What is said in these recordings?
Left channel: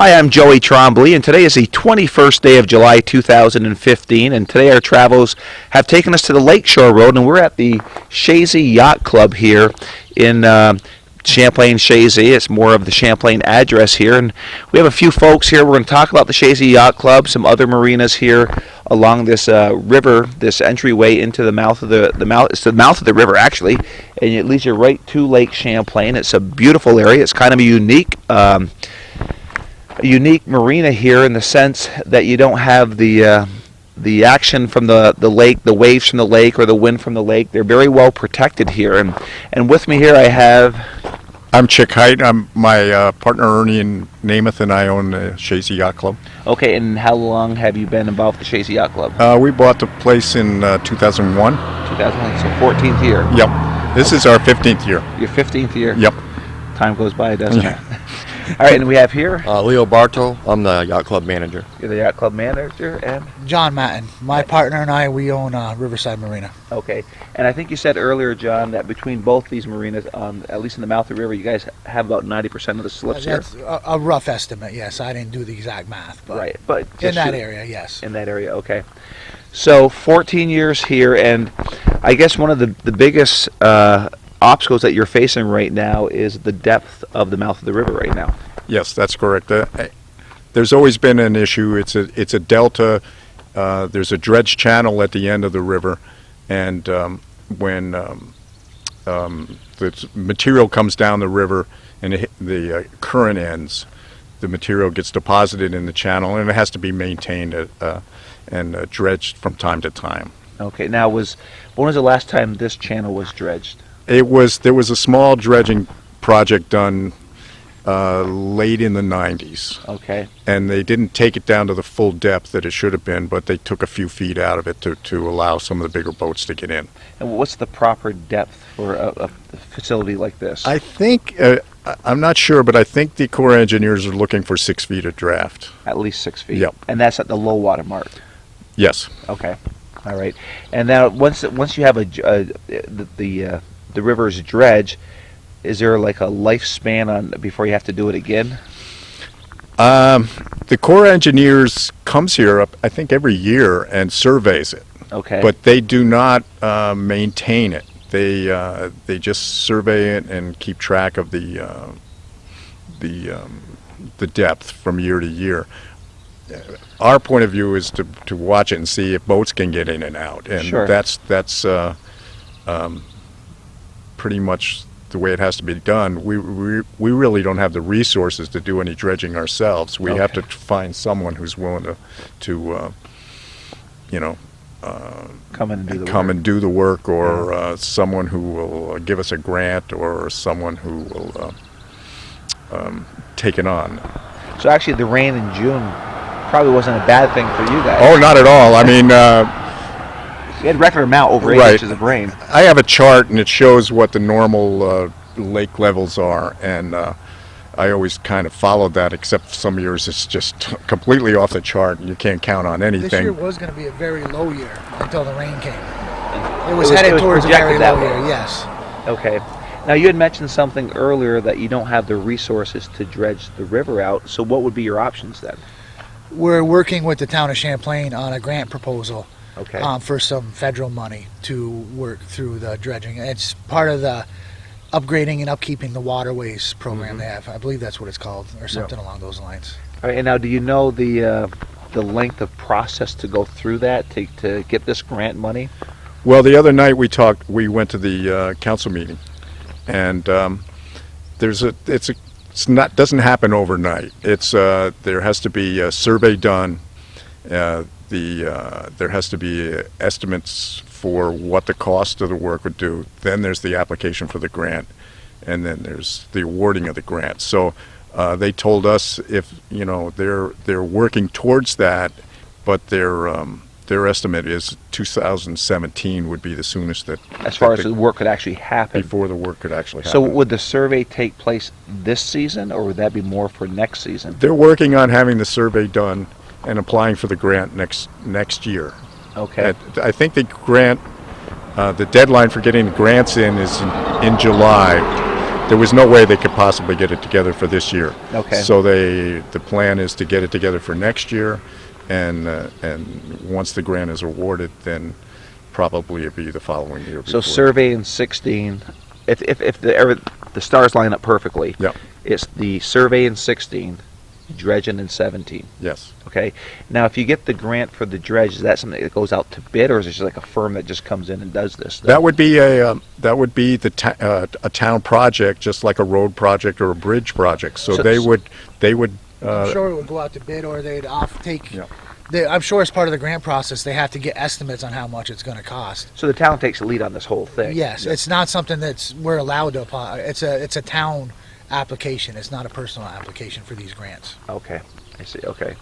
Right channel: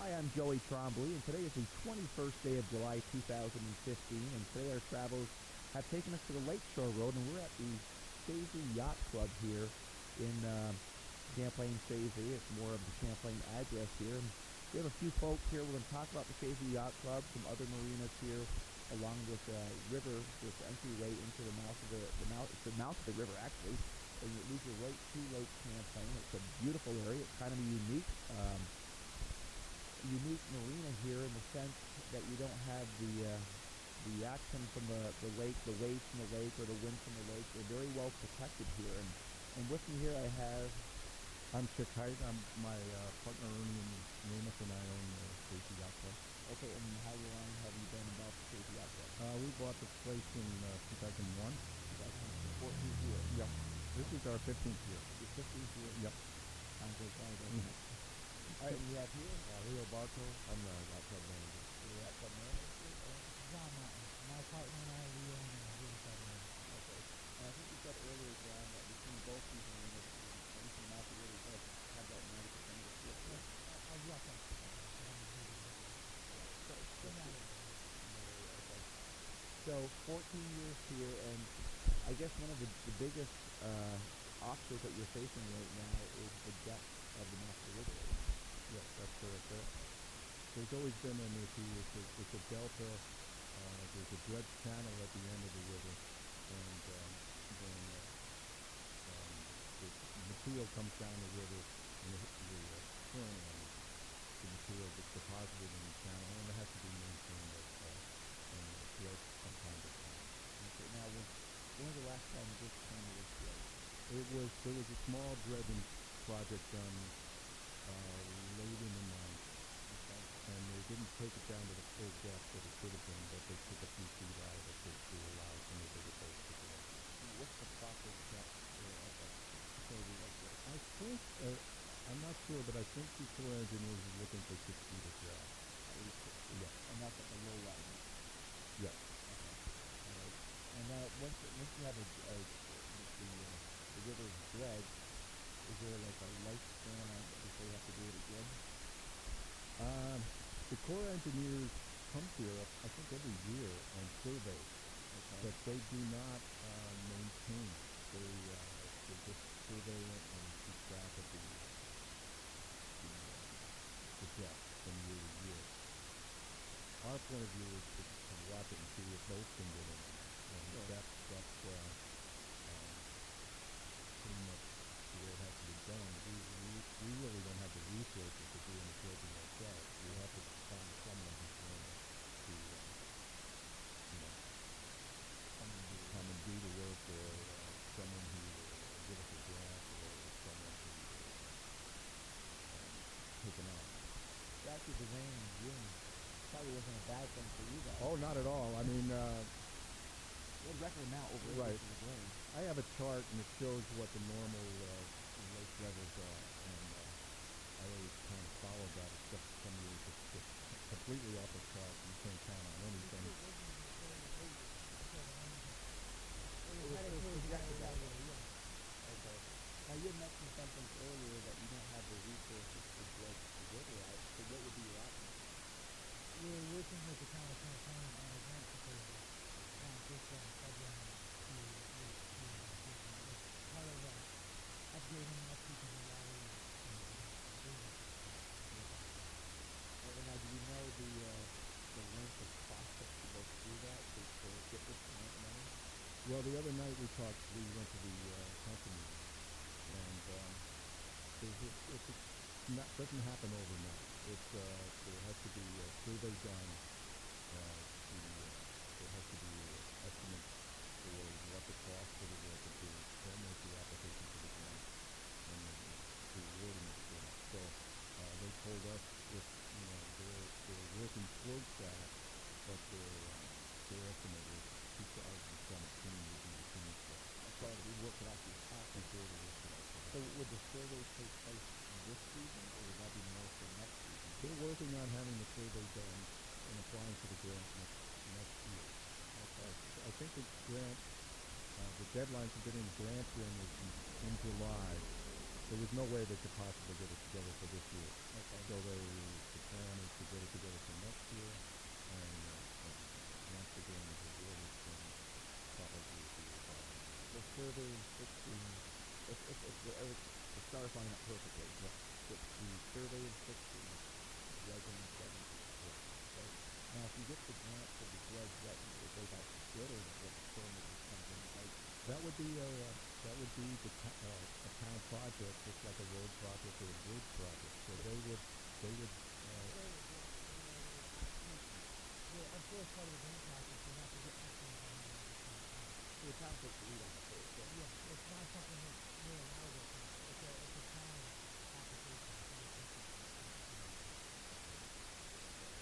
Hi, I'm Joey Trombley, and today is the 21st day of July 2015, and today our travels have taken us to the Lakeshore Road, and we're at the Chazy Yacht Club here in Champlain, Chazy. It's more of the Champlain address here, and we have a few folks here. We're going to talk about the Chazy Yacht Club, some other marinas here along this river, this entryway into the mouth of the mouth. It's the mouth of the river, actually, and it leads you right to Lake Champlain. It's a beautiful area. It's kind of a unique marina here in the sense that you don't have the action from the lake, the waves from the lake, or the wind from the lake. They're very well protected here. And with me here I have... I'm Chick Height. I'm my partner Ernie and Namath and I own the Chazy Yacht Club. Okay, and how long have you been involved with the Chazy Yacht Club? We bought the place in 2001. 2001, so 14th year. Yep. This is our 15th year. Your 15th year? Yep. Time goes by, doesn't it? All right, and we have here... Leo Barto. I'm the yacht club manager. You're the yacht club manager, and... John Matten. My partner and I, we own Riverside Marina. Okay, and I think you said earlier, John, that between both these marinas, at least in the mouth of the river, you guys have about 90% of the slips here? That's a rough estimate, yes. I didn't do the exact math. But right, but... in that area, yes. In that area, okay. So, 14 years here, and I guess one of the biggest... obstacles that you're facing right now is the depth of the mouth of the river right now. Yes, that's correct. There's always been an issue. It's a delta. There's a dredge channel at the end of the river, and when the material comes down the river and the current ends, the material gets deposited in the channel, and it has to be maintained and dredged from time to time. Okay. Now, when was the last time this channel was dredged? There was a small dredging project done late in the 90s. Okay. And they didn't take it down to the full depth that it should have been, but they took a few feet out of it to allow some of the bigger boats to get in. And what's the proper depth for a facility like this? I think, I'm not sure, but I think the Corps engineers are looking for 6 feet of draft. At least 6 feet? Yep. And that's at the low water mark? Yes. Okay. All right. And now, once you have the river's dredge, is there like a lifespan before you have to do it again? The Corps engineers comes here, I think, every year and surveys it. Okay. But they do not maintain it. They just survey it and keep track of the depth from year to year. Our point of view is to watch it and see if boats can get in and out, and sure. that's pretty much the way it has to be done. We really don't have the resources to do any dredging ourselves. We have to find someone who's willing to come and do the work, or someone who will give us a grant, or someone who will take it on. So actually, the rain in June probably wasn't a bad thing for you guys. Oh, not at all. I mean. You had record amount over 8 inches of rain. I have a chart, and it shows what the normal lake levels are, and I always kind of followed that, except some years it's just completely off the chart, and you can't count on anything. This year was going to be a very low year until the rain came. It was headed towards a very low year, yes. Okay. Now, you had mentioned something earlier that you don't have the resources to dredge the river out, so what would be your options then? We're working with the town of Champlain on a grant proposal. Okay. For some federal money to work through the dredging. It's part of the upgrading and upkeeping the waterways program they have. I believe that's what it's called, or something along those lines. All right, and now, do you know the length of process to go through that to get this grant money? Well, the other night we went to the council meeting, and doesn't happen overnight. There has to be a survey done. There has to be estimates for what the cost of the work would do. Then there's the application for the grant, and then there's the awarding of the grant. So they told us if they're working towards that, but their estimate is 2017 would be the soonest that. As far as the work could actually happen. Before the work could actually happen. So would the survey take place this season, or would that be more for next season? They're working on having the survey done and applying for the grant next year. Okay. I think the deadline for getting grants in is in July, there was no way they could possibly get it together for this year. Okay. So the plan is to get it together for next year, and once the grant is awarded, then probably it'll be the following year. So before. survey in 16, if the stars line up perfectly, Yep. it's the survey in 16, dredging in 17. Yes. Okay. Now, if you get the grant for the dredge, is that something that goes out to bid, or is it just like a firm that just comes in and does this? That would be a town project, just like a road project or a bridge project. So So- they would. I'm sure it would go out to bid, or they'd take. Yeah. I'm sure as part of the grant process, they have to get estimates on how much it's going to cost. So the town takes the lead on this whole thing. Yes, it's not something we're allowed to apply. It's a town application. It's not a personal application for these grants. Okay. I see. Okay.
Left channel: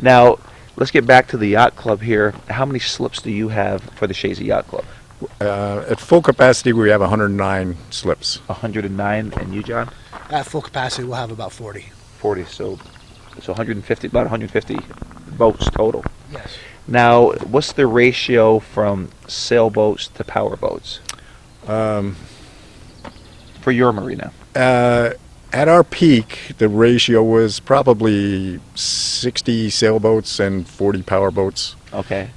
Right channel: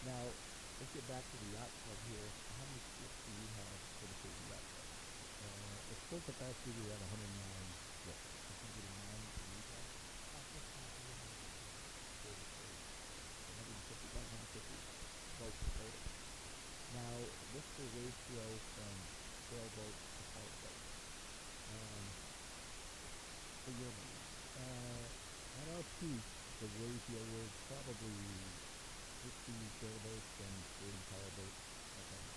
Now, let's get back to the yacht club here. How many slips do you have for the Chazy Yacht Club? At full capacity, we have 109 slips. 109, and you, John? At full capacity, we'll have about 40. 40. So 150, about 150 boats total. Yes. Now, what's the ratio from sailboats to power boats for your marina? At our peak, the ratio was probably 60 sailboats and 40 power boats, Okay.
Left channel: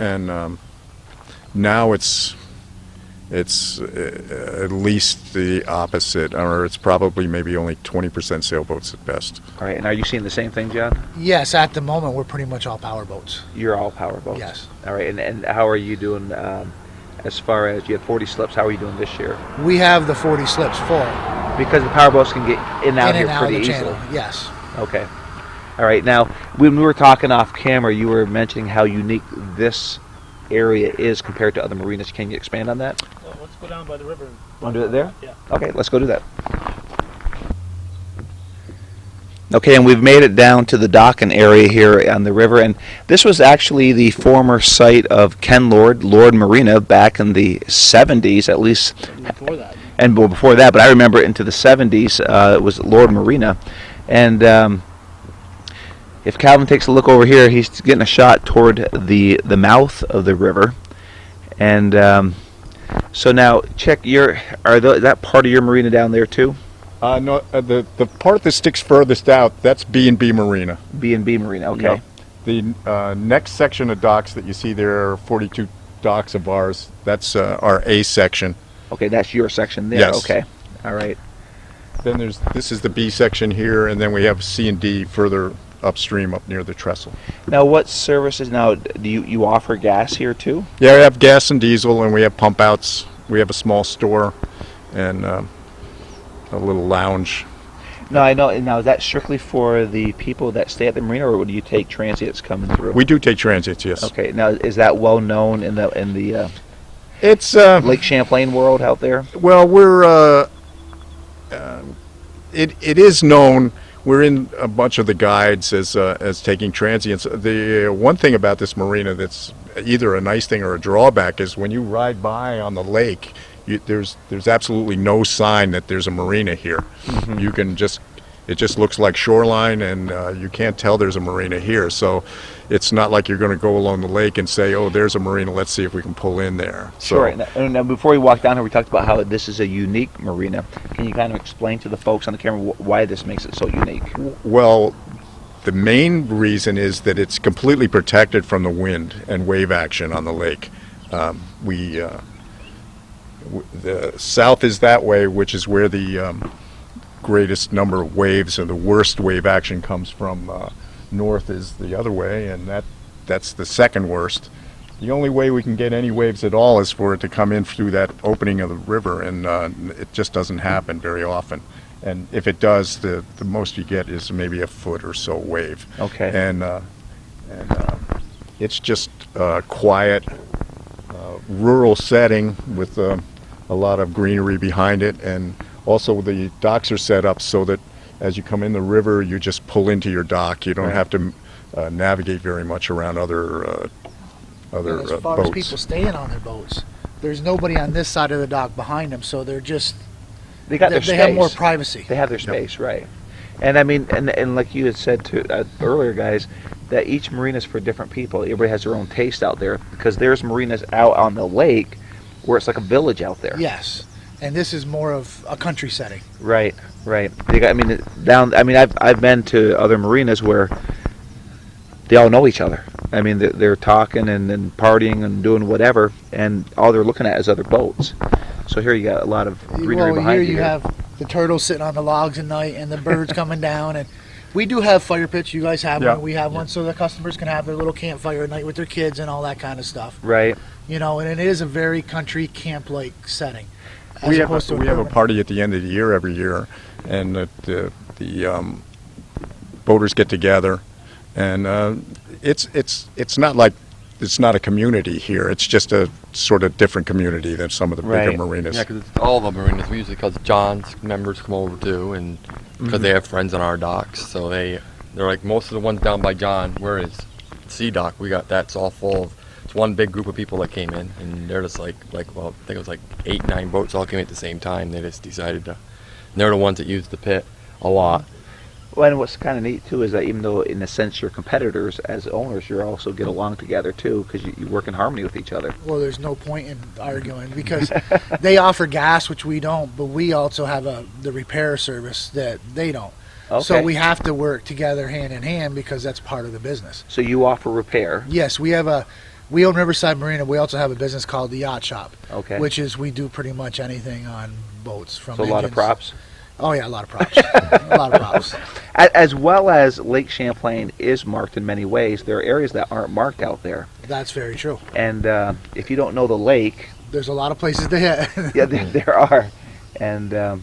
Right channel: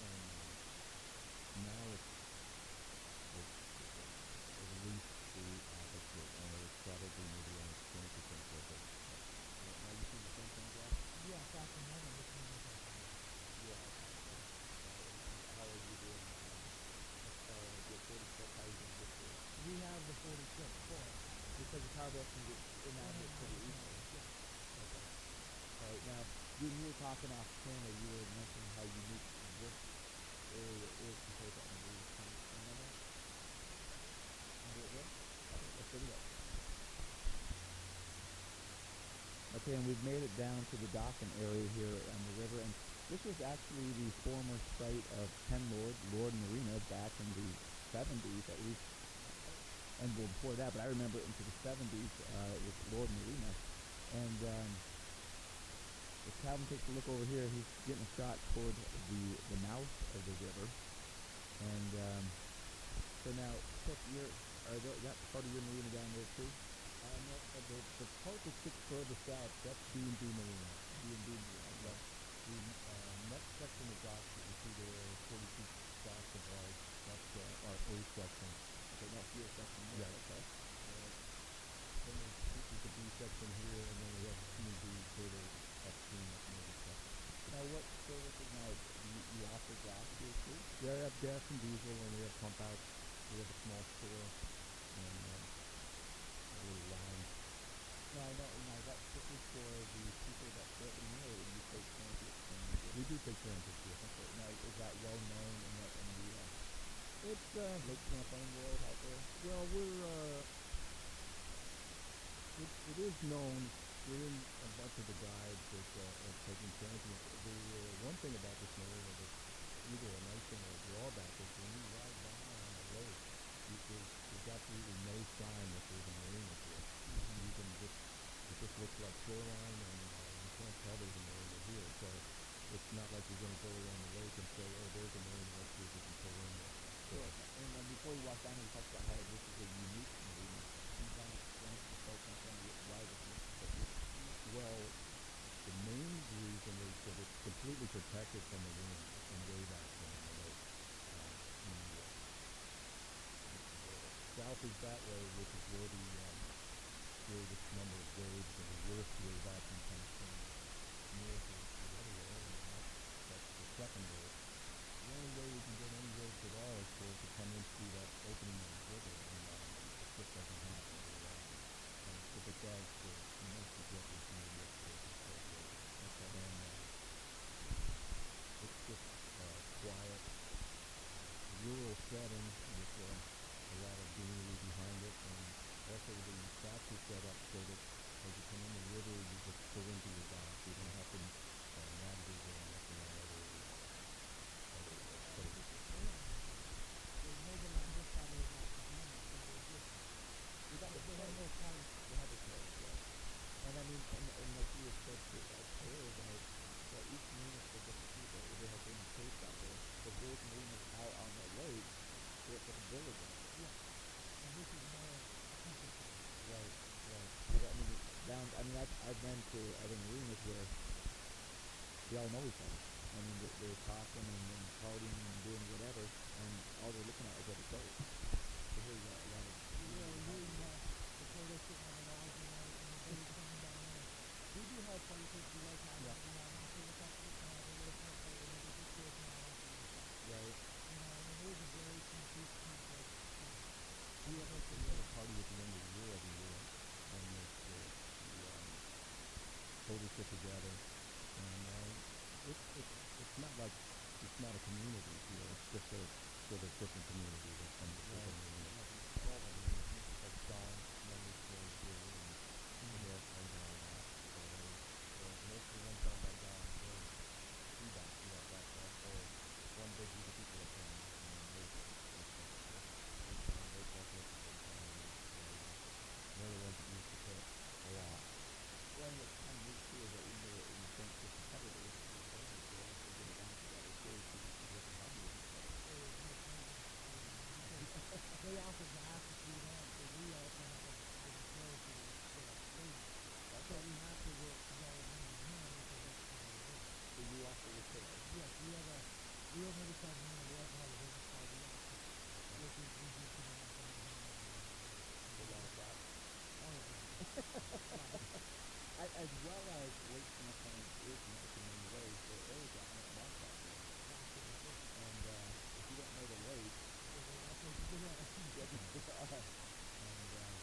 and now it's at least the opposite, or it's probably maybe only 20% sailboats at best. All right. And are you seeing the same thing, John? Yes, at the moment, we're pretty much all power boats. You're all power boats. Yes. All right. And how are you doing as far as you had 40 slips? How are you doing this year? We have the 40 slips full. Because the power boats can get in and out In here and out of pretty the easily. channel. Yes. Okay. All right. Now, when we were talking off camera, you were mentioning how unique this area is compared to other marinas. Can you expand on that? Well, let's go down by the river. Want to do it there? Yeah. Okay, let's go do that. Okay, and we've made it down to the docking area here on the river, and this was actually the former site of Ken Lord Marina back in the 70s, at least, Before that. and before that, but I remember into the 70s, it was Lord Marina. And if Calvin takes a look over here, he's getting a shot toward the mouth of the river. And so now, check that part of your marina down there too? No, the part that sticks furthest out, that's B&B Marina. B&B Marina, okay. Yeah. The next section of docks that you see there are 42 docks of ours. That's our A section. Okay, that's your section there. Yes. Okay, all right. Then this is the B section here, and then we have C and D further upstream up near the trestle. Now, what services, now, do you offer gas here too? Yeah, we have gas and diesel, and we have pump outs. We have a small store and a little lounge. No, I know. Now, is that strictly for the people that stay at the marina, or do you take transients coming through? We do take transits, yes. Okay, now, is that well known in the It's Lake Champlain world out there? well, we're it is known. We're in a bunch of the guides as taking transients. The one thing about this marina that's either a nice thing or a drawback is when you ride by on the lake, there's absolutely no sign that there's a marina here. Mm-hmm. You can it just looks like shoreline, and you can't tell there's a marina here. So it's not like you're going to go along the lake and say, oh, there's a marina, let's see if we can pull in there. Sure. Now, before we walk down here, we talked about how this is a unique marina. Can you kind of explain to the folks on the camera why this makes it so unique? Well, the main reason is that it's completely protected from the wind and wave action on the lake. The south is that way, which is where the greatest number of waves and the worst wave action comes from. North is the other way, and that's the second worst. The only way we can get any waves at all is for it to come in through that opening of the river, and it just doesn't happen very often. And if it does, the most you get is maybe a foot or so wave. Okay. And it's just a quiet, rural setting with a lot of greenery behind it, and also the docks are set up so that as you come in the river, you just pull into your dock. You don't have to navigate very much around other And as far boats. as people staying on their boats, there's nobody on this side of the dock behind them, so they're just They got their they space. have more privacy. They have their space, right? And I mean, and like you had said to earlier, guys, that each marina is for different people. Everybody has their own taste out there, because there's marinas out on the lake where it's like a village out there. Yes, and this is more of a country setting. Right, right. I mean, down. I mean, I've been to other marinas where they all know each other. I mean, they're talking and partying and doing whatever, and all they're looking at is other boats. So here you got a lot of greenery Well, behind here you. you have the turtles sitting on the logs at night and the birds coming down. And we do have fire pits. You guys have Yeah. one. We have one so the customers can have their little campfire at night with their kids and all that kind of stuff. Right. You know, and it is a very country camp-like setting. As We opposed to have a urban. party at the end of the year every year, and the boaters get together, and it's not like it's not a community here. It's just a sort of different community than some of the bigger Right. marinas. Yeah, because all the marinas, we usually, because John's members come over too, and because they have friends on our docks, so they're like, most of the ones down by John, where is Sea Dock, that's all full of, it's one big group of people that came in, and they're just well, I think it was like 8, 9 boats all came at the same time. They just decided to, and they're the ones that use the pit a lot. Well, and what's kind of neat too is that even though in a sense you're competitors, as owners, you also get along together too because you work in harmony with each other. Well, there's no point in arguing because they offer gas, which we don't, but we also have the repair service that they don't. So Okay. we have to work together hand in hand because that's part of the business. So you offer repair. Yes, we own Riverside Marina. We also have a business called the Yacht Shop, Okay. which is we do pretty much anything on boats. From So a lot of engines. props. Oh yeah, a lot of props. A lot of props. As well as Lake Champlain is marked in many ways, there are areas that aren't marked out there. That's very true. And if you don't know the lake, There's a lot of places to hit. yeah, there are. And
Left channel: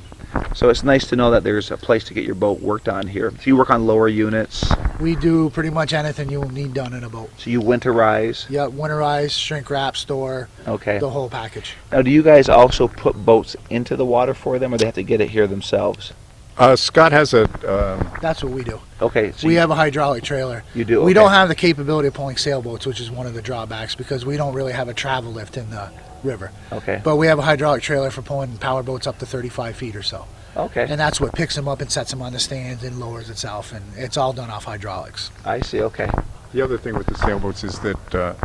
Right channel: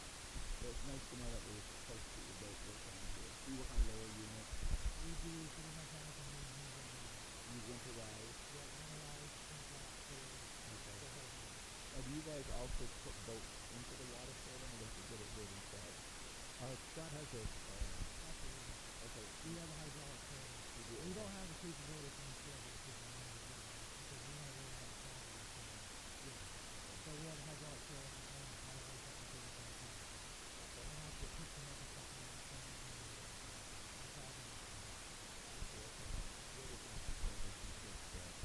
so it's nice to know that there's a place to get your boat worked on here. So you work on lower units. We do pretty much anything you need done in a boat. So you winterize. Yeah, winterize, shrink wrap, store, Okay. the whole package. Now, do you guys also put boats into the water for them, or they have to get it here themselves? Scott has a That's what we do. Okay. So We you, have a hydraulic trailer. You do. We okay. don't have the capability of pulling sailboats, which is one of the drawbacks because we don't really have a travel lift in the river. Okay. But we have a hydraulic trailer for pulling power boats up to 35 feet or so. Okay. And that's what picks them up and sets them on the stands and lowers itself. And it's all done off hydraulics. I see. Okay. The other thing with the sailboats is that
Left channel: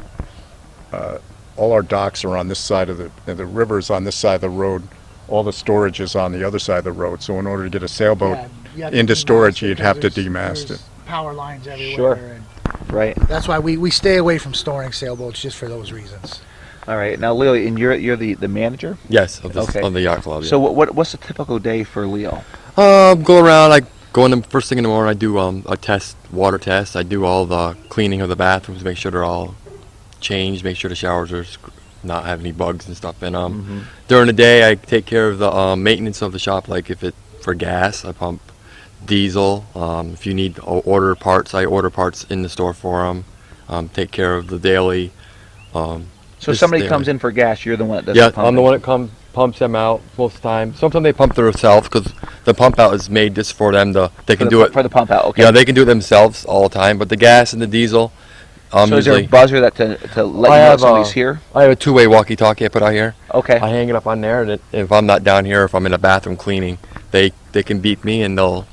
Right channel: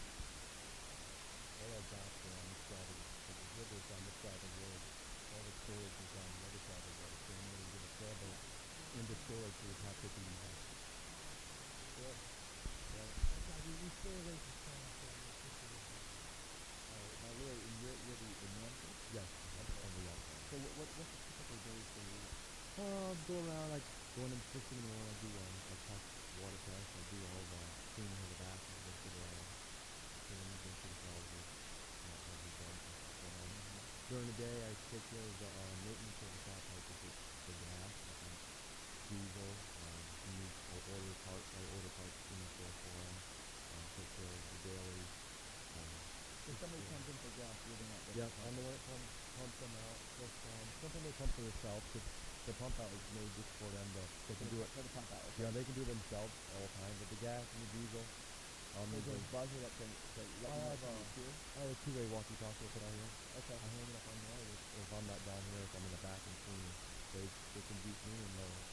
all our docks are on this side of the river's on this side of the road. All the storage is on the other side of the road. So in order to get a sailboat Yeah, you have to into demast storage, it you'd because have to there's demast it. Power lines everywhere. Sure. And Right. that's why we stay away from storing sailboats just for those reasons. All right. Now, Leo, and you're the manager. Yes, Okay. of the yacht club. Yeah. So what's a typical day for Leo? Go around. I go in the first thing in the morning. I do a water test. I do all the cleaning of the bathrooms, make sure they're all changed, make sure the showers are not have any bugs and stuff in them. Mm-hmm. During the day, I take care of the maintenance of the shop, like if it for gas, I pump diesel. If you need to order parts, I order parts in the store for them. Take care of the daily. So Just somebody daily. comes in for gas, you're the one that does Yeah, the I'm the pumping. one that pumps them out most of the time. Sometimes they pump themselves because the pump out is made just for them to. They For can the do pu- it. for the pump out. Okay. Yeah, they can do it themselves all the time. But the gas and the diesel, so is there a usually buzzer that to let I you know have, somebody's here? I have a two-way walkie-talkie I put out here. Okay. I hang it up on there, and if I'm not down here, if I'm in the bathroom cleaning, they can beep me and they'll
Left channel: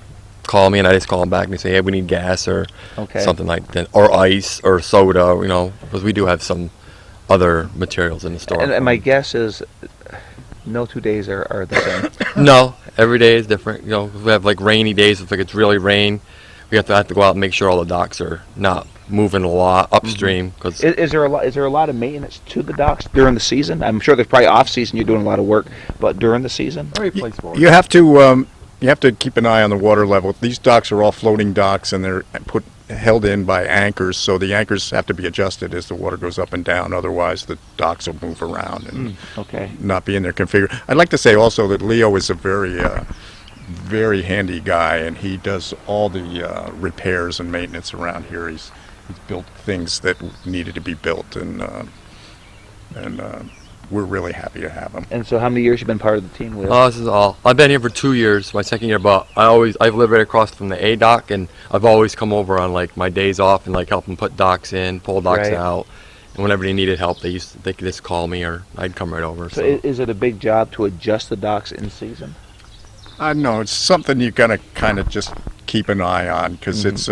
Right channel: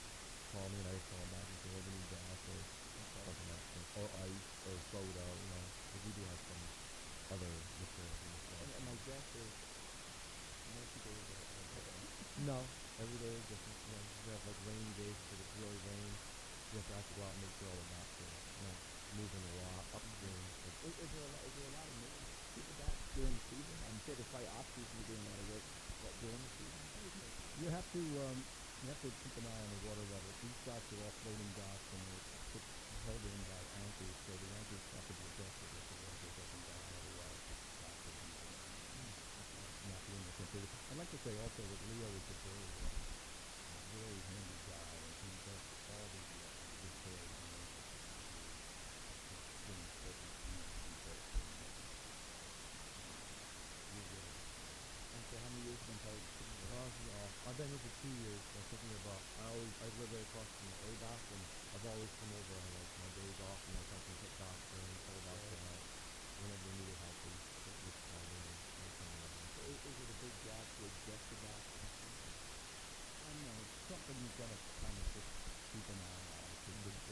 call me, and I just call them back and say, hey, we need gas or Okay. something like that, or ice or soda, because we do have some other materials in the store. And my guess is no 2 days are the same. No, every day is different. If we have like rainy days, if it's really rain, we have to go out and make sure all the docks are not moving a lot upstream. Because Is there a lot of maintenance to the docks during the season? I'm sure there's probably off season you're doing a lot of work, but during the season? You have to keep an eye on the water level. These docks are all floating docks, and they're held in by anchors. So the anchors have to be adjusted as the water goes up and down. Otherwise, the docks will move around and Okay. not be in their configure. I'd like to say also that Leo is a very handy guy, and he does all the repairs and maintenance around here. He's built things that needed to be built, and we're really happy to have him. And so how many years you been part of the team, Leo? this is all. I've been here for 2 years, my second year, but I've lived right across from the A dock, and I've always come over on like my days off and like help them put docks in, pull docks Right. out. And whenever they needed help, they could just call me, or I'd come right over. So is it a big job to adjust the docks in season? I know it's something you gotta kind of just keep an eye on because it's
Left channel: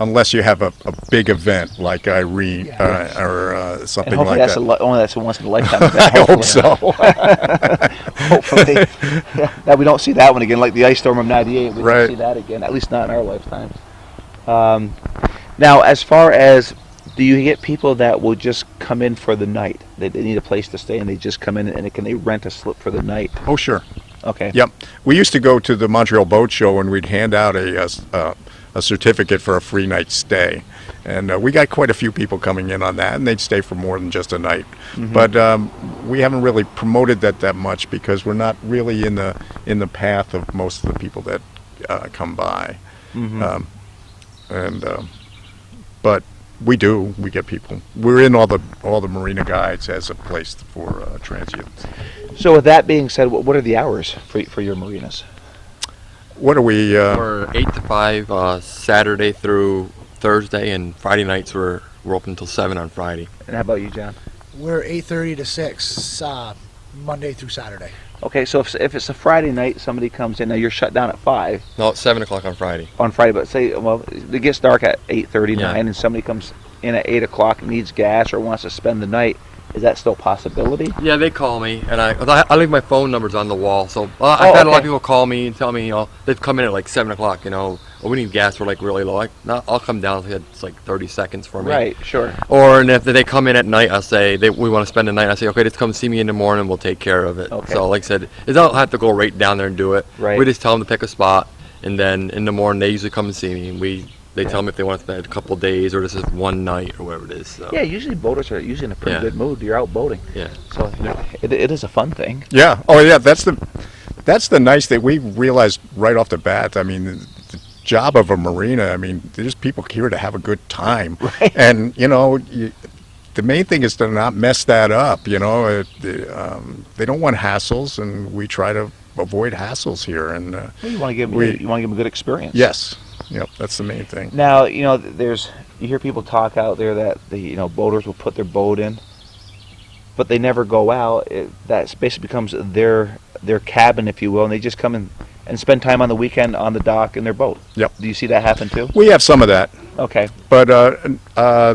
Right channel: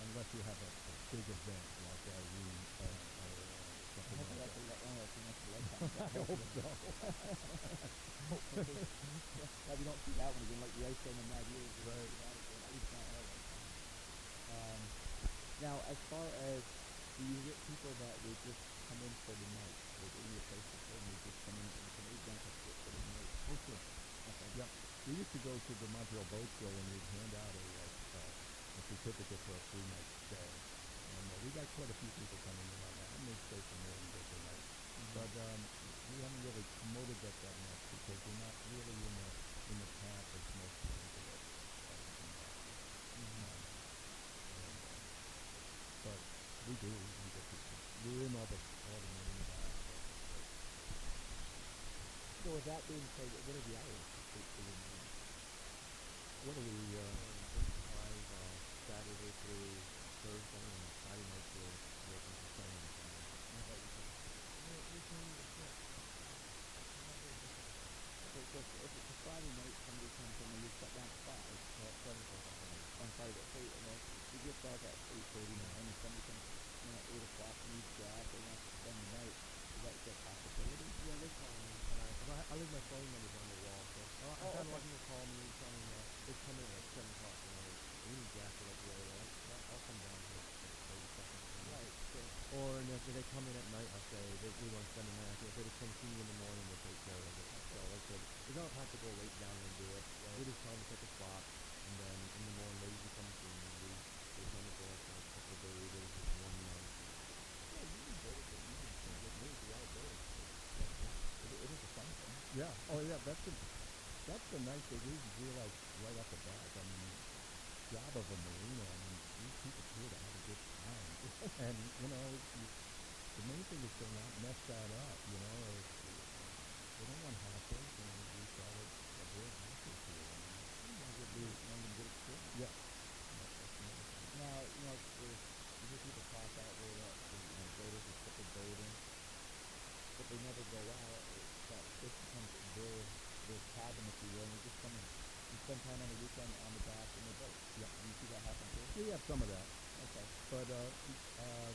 unless you have a big event like Irene Yeah. or And something hopefully like that's that. only that's a once in a lifetime event. I hope hopefully. so. Hopefully, yeah, that we don't see that one again, like the ice storm of '98. We Right. don't see that again, at least not in our lifetimes. Um, Now, as far as, do you get people that will just come in for the night? They need a place to stay, and they just come in and can they rent a slip for the night? Oh, sure. Okay. Yep. We used to go to the Montreal Boat Show and we'd hand out a certificate for a free night stay. And we got quite a few people coming in on that, and they'd stay for more than just a night. But we haven't really promoted that much because we're not really in the path of most of the people that come by. But we get people. We're in all the marina guides as a place for transients. So, with that being said, what are the hours for your marinas? What are we? We're 8 to 5 Saturday through Thursday, and Friday nights we're open until 7 on Friday. And how about you, John? We're 8:30 to 6 Monday through Saturday. Okay, so if it's a Friday night, somebody comes in. Now you're shut down at 5 No, it's 7 o'clock on Friday. on Friday, but say, well, it gets dark at 8:30, Yeah. 9, and somebody comes in at 8 o'clock, needs gas, or wants to spend the night. Is that still a possibility? Yeah, they call me, and I leave my phone numbers on the wall. So I've had a lot okay. of people call me and tell me, they've come in at like 7 o'clock, oh, we need gas, we're like really low. I'll come down, it's like 30 seconds for me. Right, sure. Or and if they come in at night, I'll say we want to spend the night. I say, okay, just come see me in the morning. We'll take care of it. Okay. So like I said, they don't have to go right down there and do it. Right. We just tell them to pick a spot, and then in the morning they usually come and see me, and they tell me if they want to spend a couple of days or just one night or whatever it is. So. Yeah, usually boaters are usually in a pretty Yeah. good mood. You're out boating. Yeah. So it is a fun thing. Yeah. Oh, yeah. That's the nice thing we realized right off the bat. I mean, the job of a marina. I mean, there's people here to have a good time, Right. and the main thing is to not mess that up. They don't want hassles, and we try to avoid hassles here. And Well, you want to give We- them a good experience. yes, yep, that's the main thing. Now you hear people talk out there that the boaters will put their boat in, but they never go out. That basically becomes their cabin, if you will, and they just come in and spend time on the weekend on the dock in their boat. Yep. Do you see that happen too? We have some of that. Okay. But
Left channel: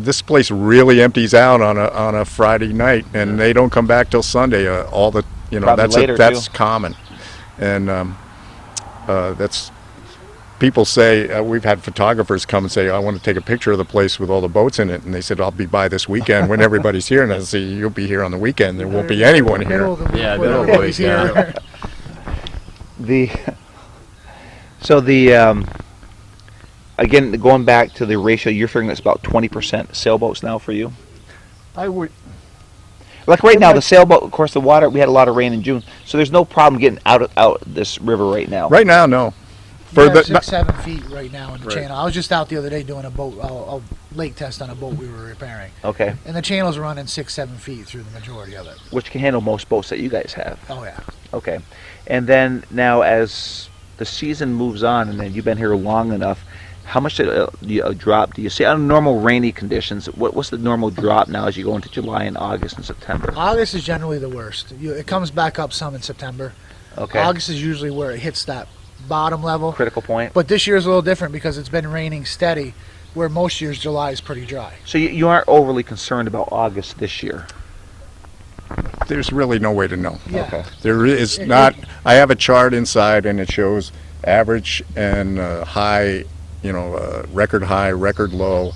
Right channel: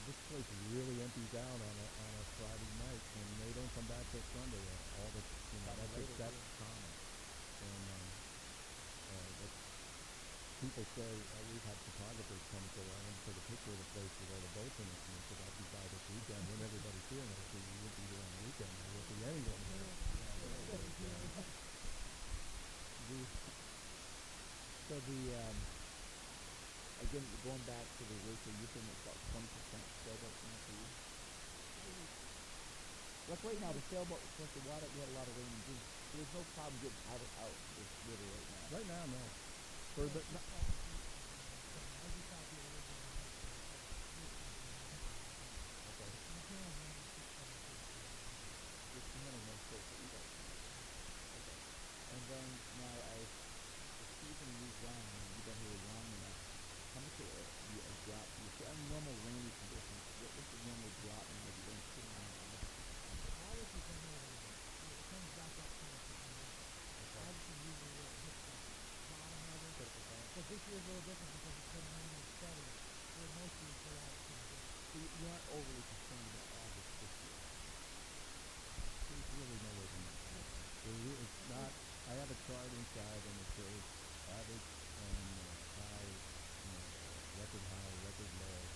this place really empties out on a Friday night, and they don't come back till Sunday. All the Probably later, that's too. common, and that's people say we've had photographers come and say, I want to take a picture of the place with all the boats in it, and they said, I'll be by this weekend when everybody's here, and I say, you'll be here on the weekend. There won't be anyone here. Middle of the week Yeah, when middle of the everybody's week, yeah. The again, going back to the ratio, you're figuring it's about 20% sailboats now for you. I would. Like right now, the sailboat, of course, the water. We had a lot of rain in June, so there's no problem getting out this river right now. Right now, no. We're For at the 6-7 feet right now in the Right. channel. I was just out the other day doing a lake test on a boat we were repairing, Okay. and the channel's running 6-7 feet through the majority of it. Which can handle most boats that you guys have. Oh yeah. Okay. And then now, as the season moves on, and then you've been here long enough, how much drop do you see on normal rainy conditions? What's the normal drop now as you go into July and August and September? August is generally the worst. It comes back up some in September. Okay. August is usually where it hits that bottom level. Critical point. But this year's a little different because it's been raining steady, where most years July is pretty dry. So you aren't overly concerned about August this year. there's really no way to know. Yeah. Okay. There is It- not. I have a chart inside, and it shows average and high, record high, record low,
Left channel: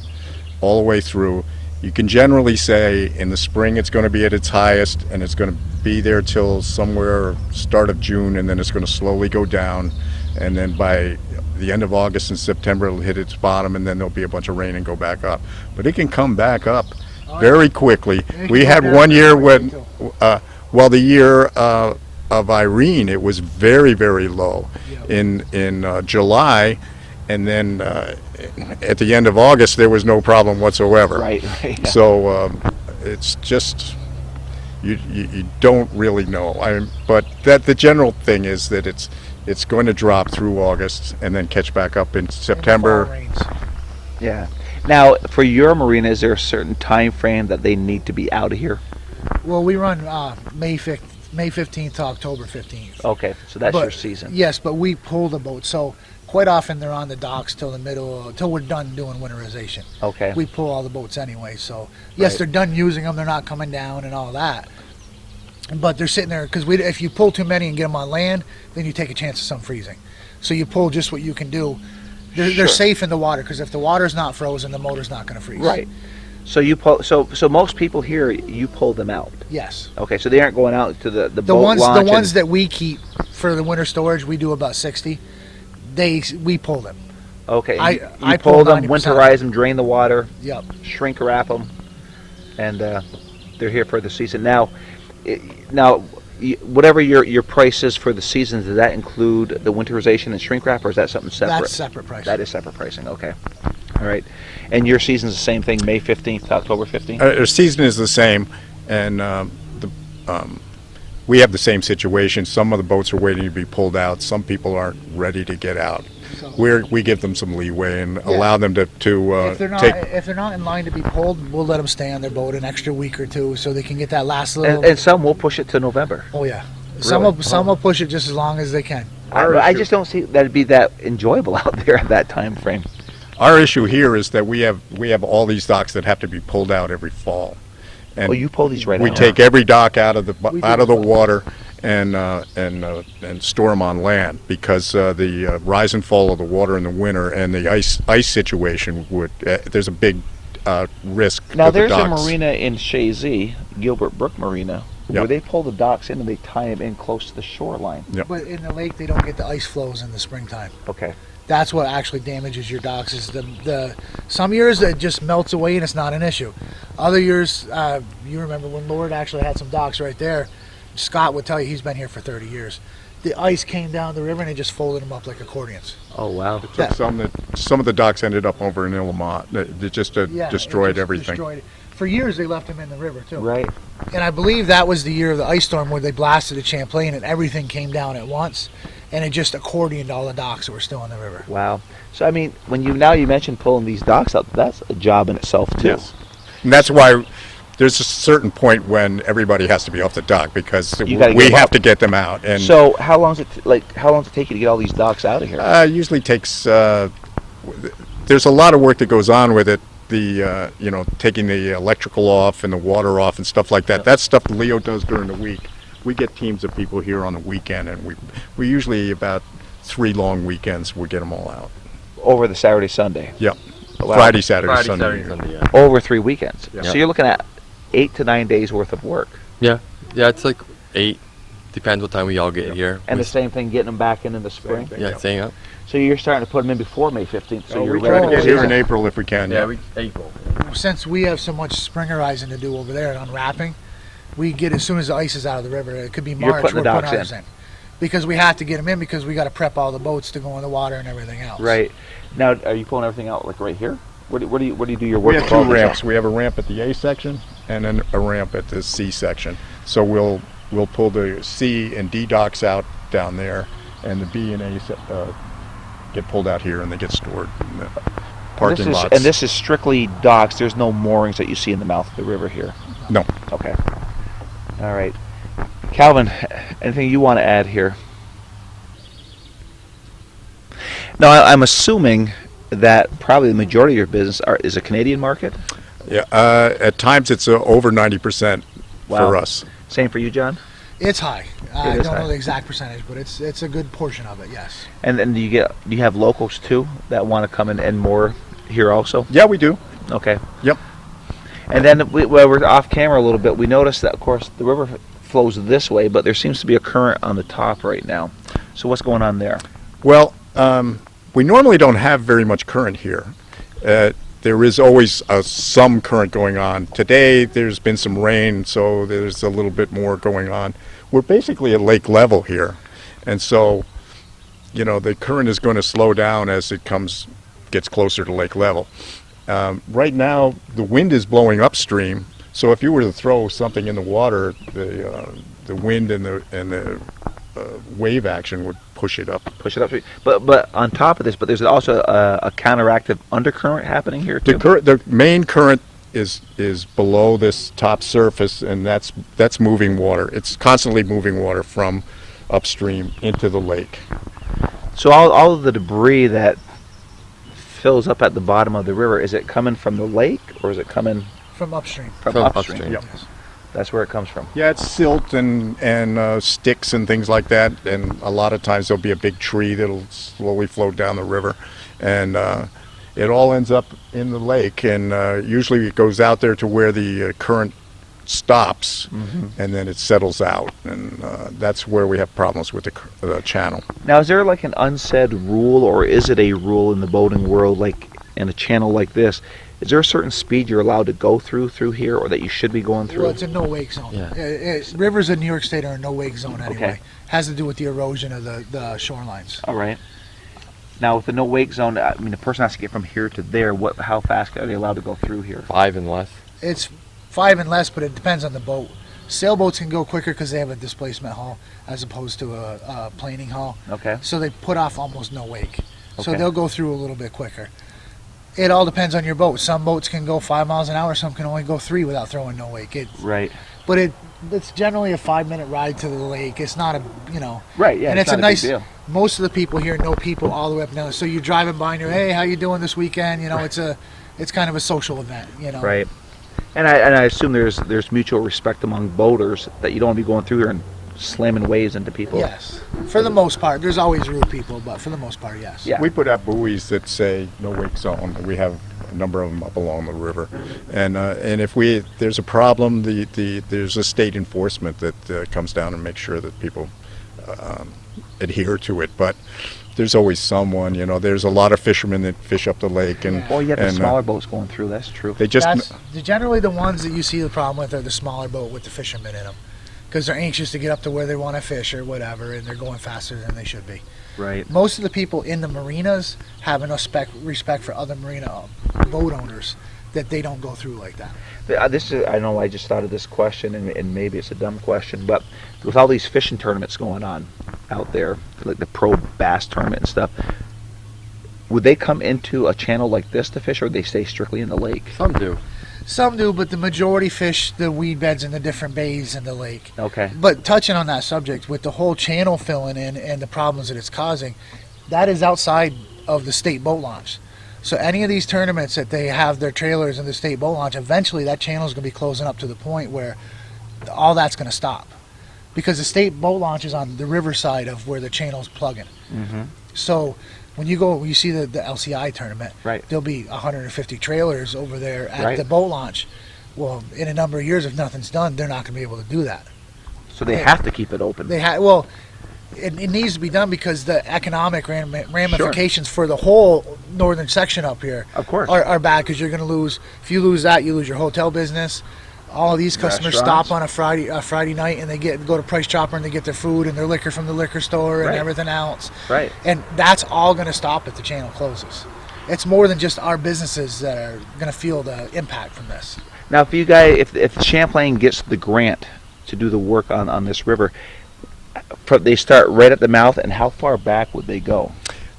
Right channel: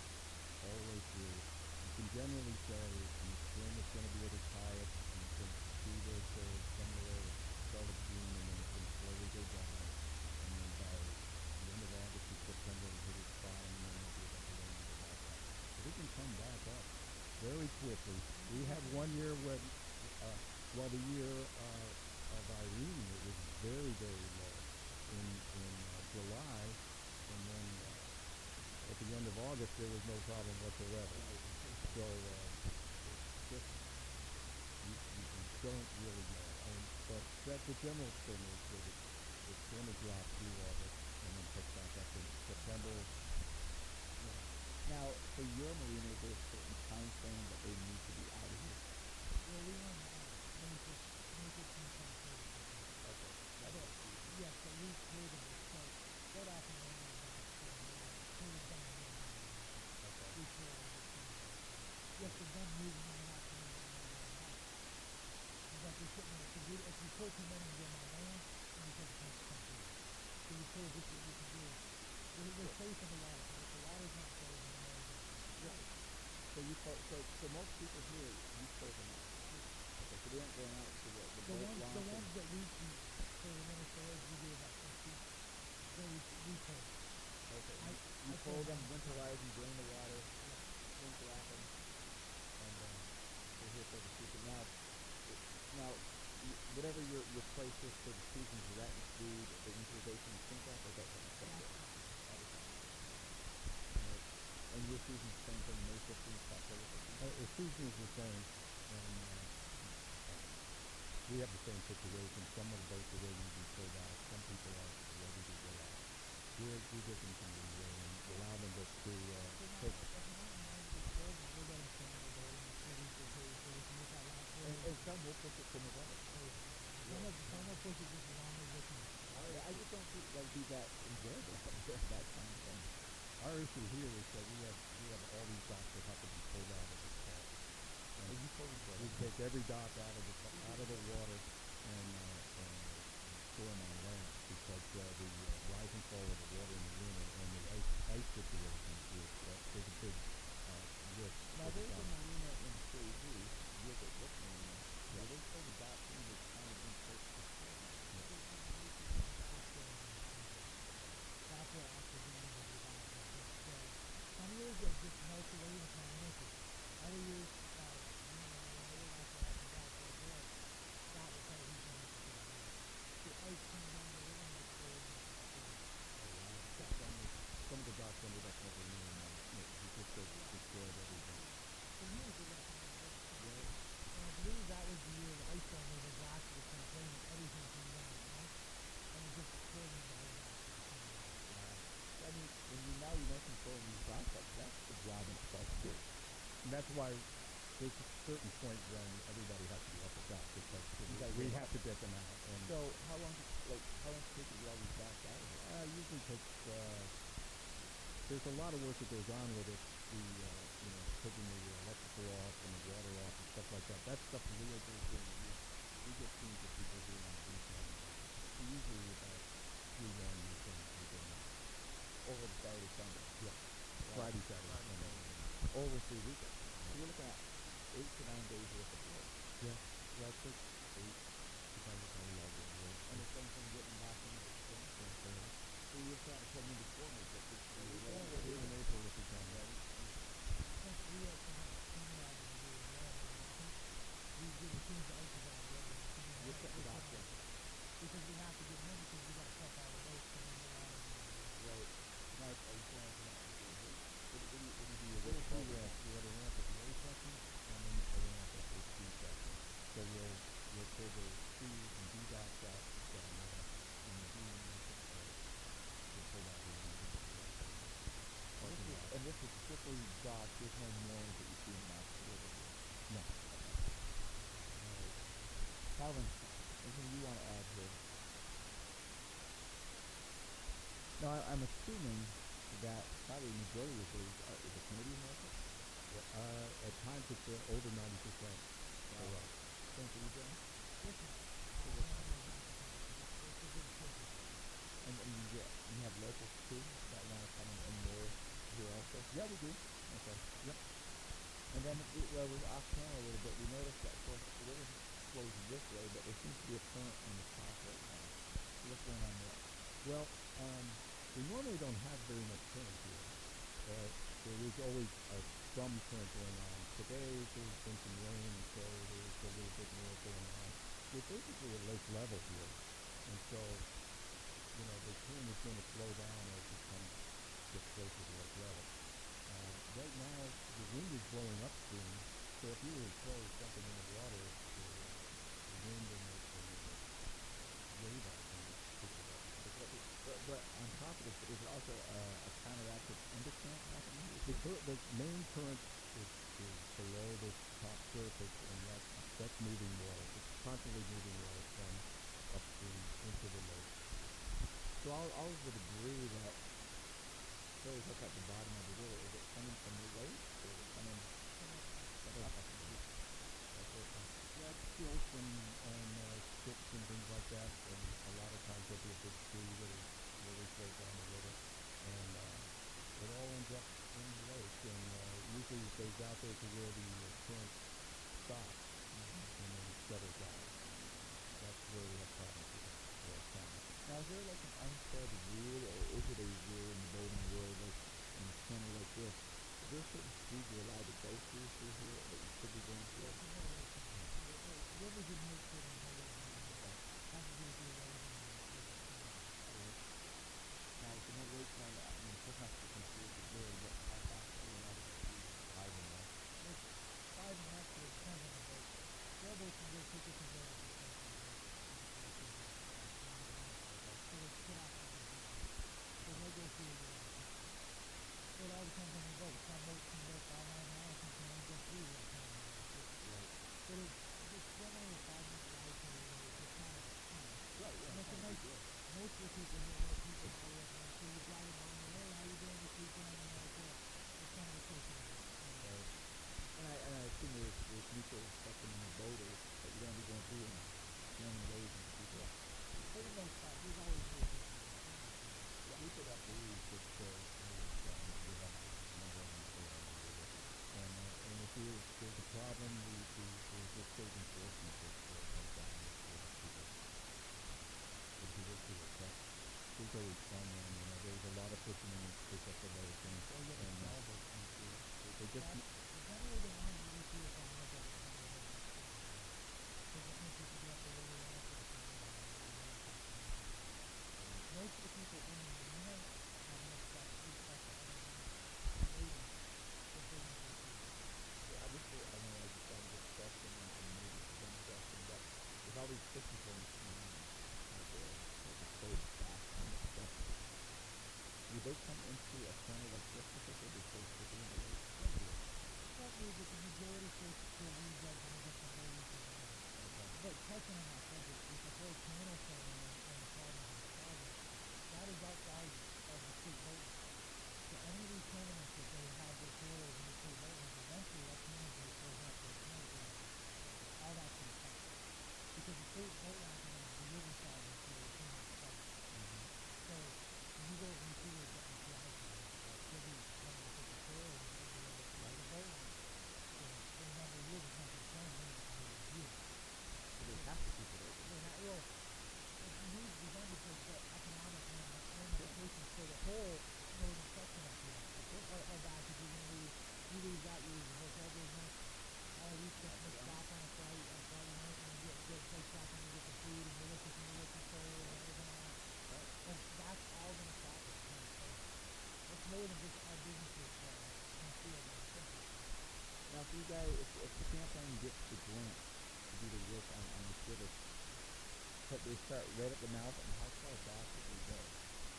all the way through. You can generally say in the spring it's going to be at its highest, and it's going to be there till somewhere start of June, and then it's going to slowly go down, and then by the end of August and September it'll hit its bottom, and then there'll be a bunch of rain and go back up. But it can come back up very quickly. can We go had down one year very when, quickly, the year of Irene, it was very, very low Yeah. in July, and then at the end of August there was no problem whatsoever. Right. Right. Yeah. So it's just you don't really know. But that the general thing is that it's going to drop through August and then catch back up in and the fall September. rains. Yeah. Now, for your marina, is there a certain time frame that they need to be out of here? Well, we run May 15th to October 15th. Okay, so that's But- your season. Yes, but we pull the boat. So Quite often they're on the docks till we're done doing winterization. Okay. We pull all the boats anyway, so yes, Right. they're done using them. They're not coming down and all that. But they're sitting there because if you pull too many and get them on land, then you take a chance of some freezing. So you pull just what you can do. They're Sure. safe in the water because if the water's not frozen, the motor's not going to freeze. Right. So you pull. So most people here, you pull them out. Yes. Okay. So they aren't going out to the The boat ones launch. the ones that we keep for the winter storage, we do about 60. We pull them. Okay. I- you I pull pull them, 90%. winterize them, drain the water, Yep. shrink wrap them, and they're here for the season. Now, now, whatever your price is for the season, does that include the winterization and shrink wrap, or is that something separate? That's separate price. That is separate pricing. Okay. All right. And your season's the same thing, May 15th to October 15th? Our season is the same, and we have the same situation. Some of the boats are waiting to be pulled out. Some people aren't ready to get out. So- We give them some leeway and allow them to if they're not take. if they're not in line to be pulled, we'll let them stay on their boat an extra week or two so they can get that last little. And some will push it to November. oh yeah, Really? some will push it just as long as they can. I just don't see that'd be that enjoyable out there at that time frame. Our issue here is that we have all these docks that have to be pulled out every fall. And Oh, you pull these right we out. take every dock out of the We do out of the both. water and store them on land because the rise and fall of the water in the winter and the ice situation would there's a big risk. Now of the there's a docks. marina in Chazy, Gilbert Brook Marina, where Yep. they pull the docks in and they tie them in close to the shoreline. Yep. But in the lake, they don't get the ice flows in the springtime. Okay. That's what actually damages your docks. Is the some years it just melts away and it's not an issue. Other years, you remember when Lord actually had some docks right there. Scott would tell you he's been here for 30 years. The ice came down the river and it just folded them up like accordions. Oh wow. Took Yeah. some of the docks ended up over in Illamont. They just Yeah, it destroyed just everything. destroyed it. For years, they left them in the river too. Right. And I believe that was the year of the ice storm where they blasted at Champlain and everything came down at once, and it just accordioned all the docks that were still in the river. Wow. So I mean, when you mentioned pulling these docks out, that's a job in itself too. Yes. And that's why there's a certain point when everybody has to be off the dock because You gotta we get 'em have up. to get them out. And So how long does it take you to get all these docks out of here? usually takes. There's a lot of work that goes on with it. The taking the electrical off and the water off and stuff like that. That's stuff Leo does during the week. We get teams of people here on the weekend, and we usually about 3 long weekends we get them all out. Over the Saturday, Sunday. Yep. Wow. Friday, Saturday, Friday, Sunday. Saturday, Sunday, yeah. Over 3 weekends. Yeah. So you're looking at 8 to 9 days worth of work. Yeah, it's like 8. Depends what time we all get here. And We the same thing, getting them back in the spring. thing. Yeah, staying up. So you're starting to put them in before May 15th. So you're we ready try to for get here in season. April if we can. Yeah, April. Since we have so much springerizing to do over there and unwrapping, we get as soon as the ice is out of the river. It could be You're March. putting the we're docks putting ours in because we have to get them in because we got to prep all the boats to go in the water and everything else. Right. Now, are you pulling everything out like right here? Where do you do your work? We have with 2 all these ramps. out? We have a ramp at the A section and then a ramp at the C section. So we'll pull the C and D docks out down there, and the B and A get pulled out here, and they get stored in the parking lots. And this is strictly docks. There's no moorings that you see in the mouth of the river here. No. Okay. All right. Calvin, anything you want to add here? No, I'm assuming that probably the majority of your business is a Canadian market. Yeah. At times it's over 90% Wow. for us. Same for you, John. It's high. I is don't high. know the exact percentage, but it's a good portion of it. Yes. And then do you have locals too that want to come in and moor here also? Yeah, we do. Okay. Yep. And then while we're off camera a little bit, we noticed that, of course, the river flows this way, but there seems to be a current on the top right now. So what's going on there? Well, we normally don't have very much current here. There is always some current going on. Today there's been some rain, so there's a little bit more going on. We're basically at lake level here, and so the current is going to slow down as it gets closer to lake level. Right now the wind is blowing upstream, so if you were to throw something in the water, the wind and the wave action would push it up. Push it up. But on top of this, but there's also a counteractive undercurrent happening here too. The main current is below this top surface, and that's moving water. It's constantly moving water from upstream into the lake. So all of the debris that fills up at the bottom of the river, is it coming from the lake or is it coming From upstream. from From upstream? upstream. Yep. That's where it comes from. Yeah, it's silt and sticks and things like that, and a lot of times there'll be a big tree that'll slowly float down the river, and it all ends up in the lake, and usually it goes out there to where the current stops, and then it settles out, and that's where we have problems with the channel. Now, is there like an unsaid rule, or is it a rule in the boating world, like in a channel like this? Is there a certain speed you're allowed to go through here, or that you should be going through? Well, it's a no-wake zone. Yeah. Rivers in New York State are a no-wake zone anyway. Okay. Has to do with the erosion of the shorelines. All right. Now, with the no wake zone, I mean, the person has to get from here to there. How fast are they allowed to go through here? 5 and less. It's 5 and less, but it depends on the boat. Sailboats can go quicker because they have a displacement hull as opposed to a planing hull. Okay. So they put off almost no wake. So Okay. they'll go through a little bit quicker. It all depends on your boat. Some boats can go 5 miles an hour. Some can only go 3 without throwing no wake. Right. But it's generally a 5-minute ride to the lake. It's not a, Right. Yeah. and it's a not nice. big deal. Most of the people here know people all the way up and down. So you're driving by and you're, hey, how you doing this weekend? It's kind of a social event. Right. And I assume there's mutual respect among boaters that you don't want to be going through here and slamming waves into people. Yes, for the most part. There's always rude people, but for the most part, yes. Yeah. We put out buoys that say no wake zone. We have a number of them up along the river, and if there's a problem, there's a state enforcement that comes down and makes sure that people adhere to it. But there's always someone, there's a lot of fishermen that fish up the lake, and Well, you have the and, smaller boats going through. That's true. they just Generally the ones that you see the problem with are the smaller boat with the fishermen in them, because they're anxious to get up to where they want to fish or whatever, and they're going faster than they should be. Right. Most of the people in the marinas have enough respect for other marina boat owners that they don't go through like that. This is, I know I just thought of this question, and maybe it's a dumb question, but with all these fishing tournaments going on out there, like the pro bass tournament and stuff, would they come into a channel like this to fish, or would they stay strictly in the lake? Some do. Some do, but the majority fish the weed beds in the different bays in the lake. Okay. But touching on that subject, with the whole channel filling in and the problems that it's causing, that is outside of the state boat launch. So any of these tournaments that they have their trailers in the state boat launch, eventually that channel is going to be closing up to the point where all that's going to stop. Because the state boat launch is on the Riverside of where the channel's plugging. Mm-hmm. So when you see the LCI tournament, Right. there'll be 150 trailers over there at Right. the boat launch. Well, in a number of years, if nothing's done, they're not going to be able to do that. So they have to keep it open. It needs to be done because the economic ramifications for the whole northern section up here Of course. are bad, because you're going to lose. If you lose that, you lose your hotel business. All of these customers stop on a Friday night and they go to Price Chopper and they get their food and their liquor from the liquor store and Right. everything else. Right. And that's all going to stop if the channel closes. It's more than just our businesses that are going to feel the impact from this. Now, if you guys, if Champlain gets the grant to do the work on this river, they start right at the mouth, and how far back would they go?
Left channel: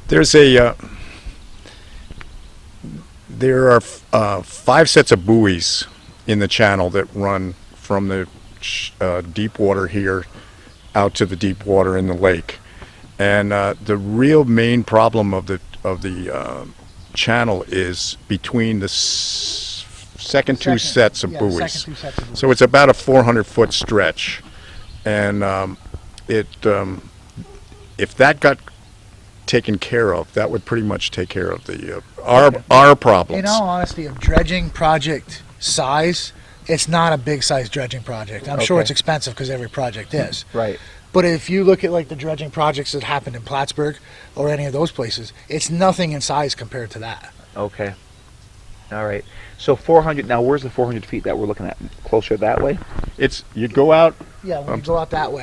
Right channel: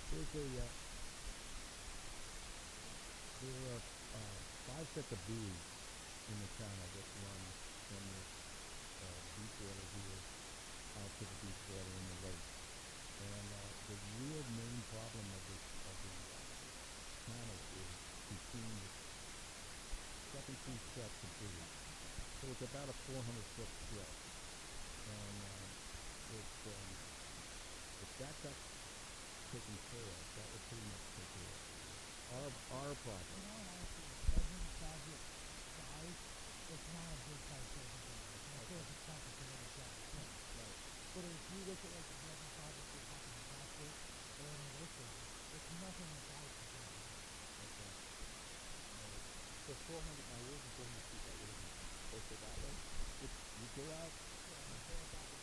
There's there are 5 sets of buoys in the channel that run from the deep water here out to the deep water in the lake, and the real main problem of the channel is between the second two sets of buoys. Second 2 sets of buoys. So it's about a 400-foot stretch, and if that got taken care of, that would pretty much take care of our problems. In all honesty, of dredging project size, it's not a big size dredging project. I'm sure Okay. it's expensive because every project is. Right. But if you look at like the dredging projects that happened in Plattsburgh or any of those places, it's nothing in size compared to that. Okay. All right. So 400. Now, where's the 400 feet that we're looking at? Closer that way? You'd go out. Yeah, when you go out that way.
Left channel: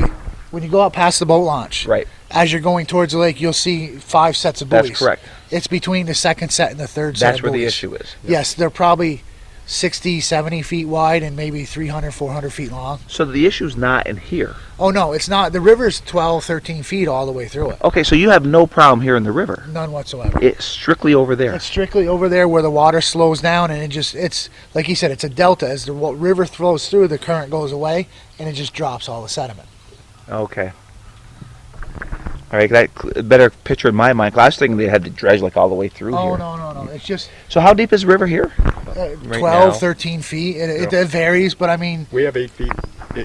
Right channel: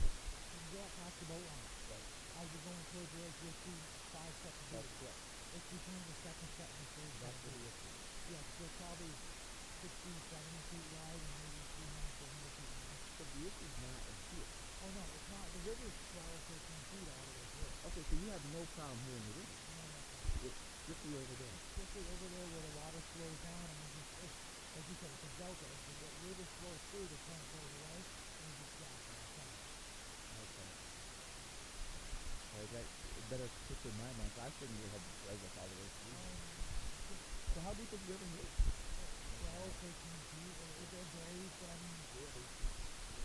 When you go out past the boat launch, Right. as you're going towards the lake, you'll see 5 sets of buoys. That's correct. It's between the second set and the third set That's of where buoys. the issue is. Yes, they're probably 60, 70 feet wide and maybe 300, 400 feet long. So the issue's not in here. Oh, no, it's not. The river's 12, 13 feet all the way through it. Okay, so you have no problem here in the river. None whatsoever. It's strictly over there. It's strictly over there where the water slows down, and it's like you said, it's a delta. As the river flows through, the current goes away, and it just drops all the sediment. Okay. All right, that better picture in my mind. 'Cause I was thinking they had to dredge like all the way through Oh, here. no. It's just So how deep is the river here? Right 12, now. 13 feet. It, Yeah. it varies, but I mean, We have 8 feet,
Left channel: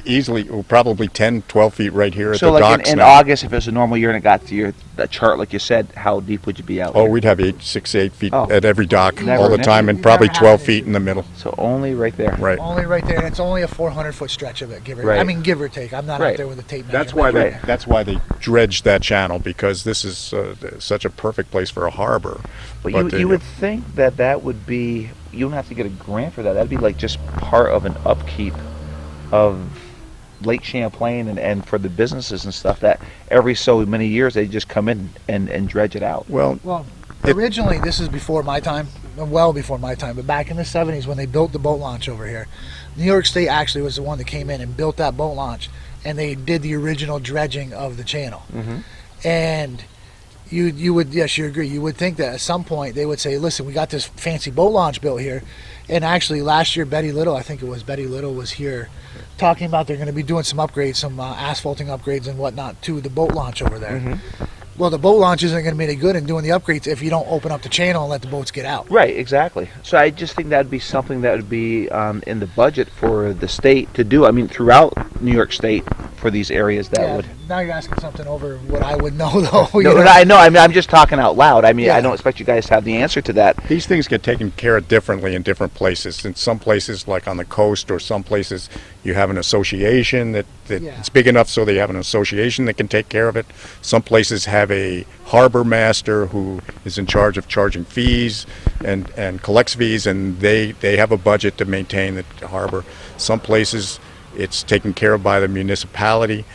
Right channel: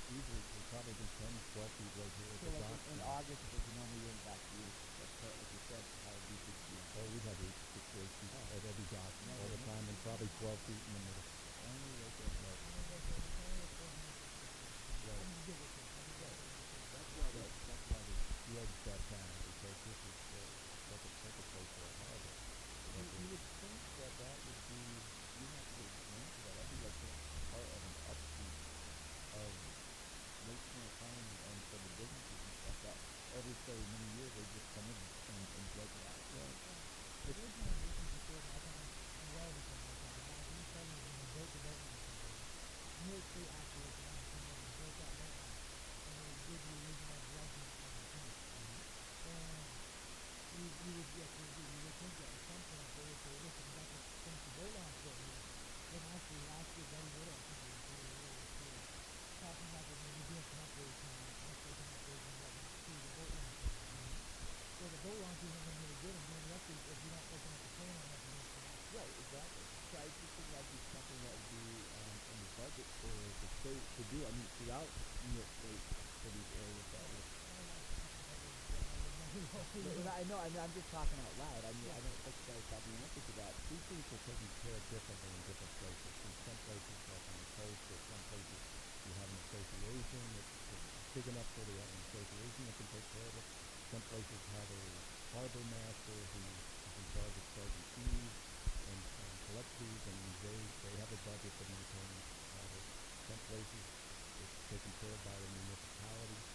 easily, probably 10, 12 feet right here at So the like docks in now. August, if it was a normal year and it got to your the chart like you said, how deep would you be out Oh, here? we'd have 8, 6, 8 feet Oh. at every dock Never all the an time, issue. and You probably never have 12 an feet issue. in the middle. So only right there. Right. only right there, and it's only a 400-foot stretch of it, give or Right. I mean, give or take. I'm not Right. out there with a tape measure. That's why Right. that's why they dredged that channel, because this is such a perfect place for a harbor. But But you would think that that would be, you don't have to get a grant for that. That'd be like just part of an upkeep of Lake Champlain and for the businesses and stuff that every so many years they just come in and dredge it out. Well, Well, It- originally, this is before my time, well before my time, but back in the 70s when they built the boat launch over here, New York State actually was the one that came in and built that boat launch, and they did the original dredging of the channel. And you would, yes, you agree, you would think that at some point they would say, listen, we got this fancy boat launch built here. And actually last year, Betty Little, I think it was Betty Little, was here talking about they're going to be doing some upgrades, some asphalting upgrades and whatnot to the boat launch over there. Well, the boat launch isn't going to be any good in doing the upgrades if you don't open up the channel and let the boats get out. Right, exactly. So I just think that'd be something that would be in the budget for the state to do. I mean, throughout New York State for these areas that Yeah, would. now you're asking something over what I would know, though. you No, know? I know. I mean, I'm just talking out loud. I mean, I Yeah. don't expect you guys to have the answer to that. these things get taken care of differently in different places. In some places, like on the coast, or some places, you have an association that Yeah. it's big enough so they have an association that can take care of it. Some places have a harbor master who is in charge of charging fees and collects fees, and they have a budget to maintain the harbor. Some places it's taken care of by the municipality.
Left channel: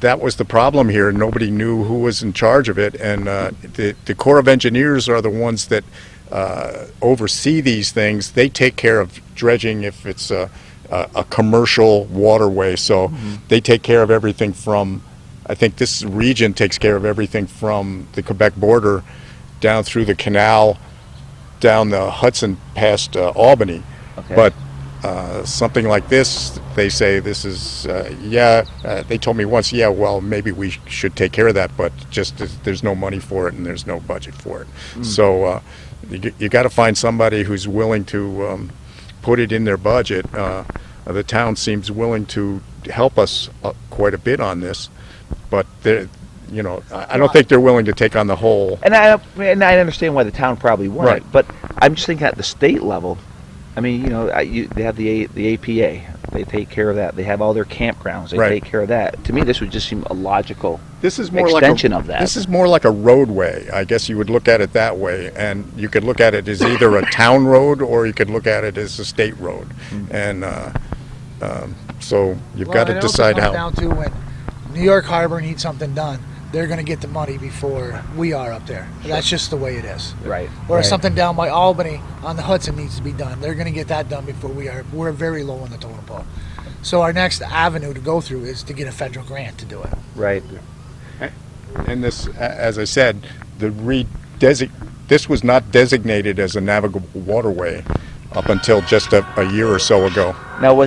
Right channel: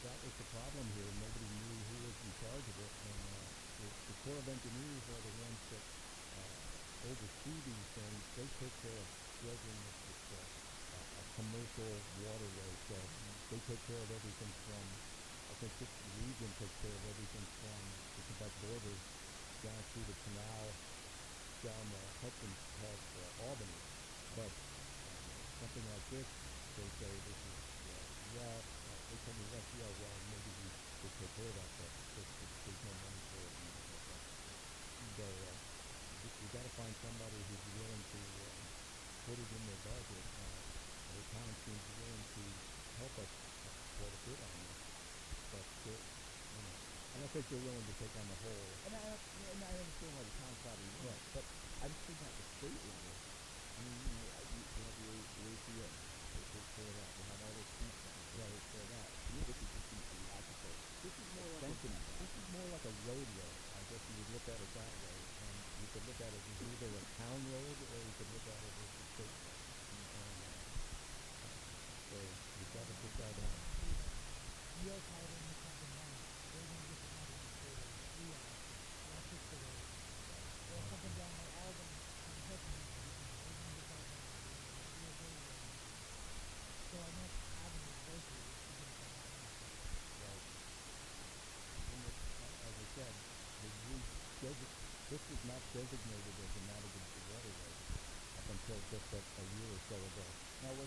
That was the problem here. Nobody knew who was in charge of it, and the Corps of Engineers are the ones that oversee these things. They take care of dredging if it's a commercial waterway, so they take care of everything from, I think this region takes care of everything from the Quebec border down through the canal, down the Hudson past Albany. Okay. But something like this, they say this is, they told me once, well, maybe we should take care of that, but just there's no money for it and there's no budget for it. So you got to find somebody who's willing to put it in their budget. The town seems willing to help us quite a bit on this, but I don't think they're willing to take on the whole. And I understand why the town probably wouldn't. Right. But I'm just thinking at the state level. I mean, they have the APA. They take care of that. They have all their campgrounds. They Right. take care of that. To me, this would just seem a logical This is more extension like of that. This is more like a roadway. I guess you would look at it that way, and you could look at it as either a town road or you could look at it as a state road. And so you've got to it also decide comes how. down to when New York Harbor needs something done, they're going to get the money before we are up there. That's just the way it is. Right. Or right. if something down by Albany on the Hudson needs to be done, they're going to get that done before we are. We're very low on the totem pole. So our next avenue to go through is to get a federal grant to do it. Right. And this, as I said, this was not designated as a navigable waterway up until just a year or so ago. Now,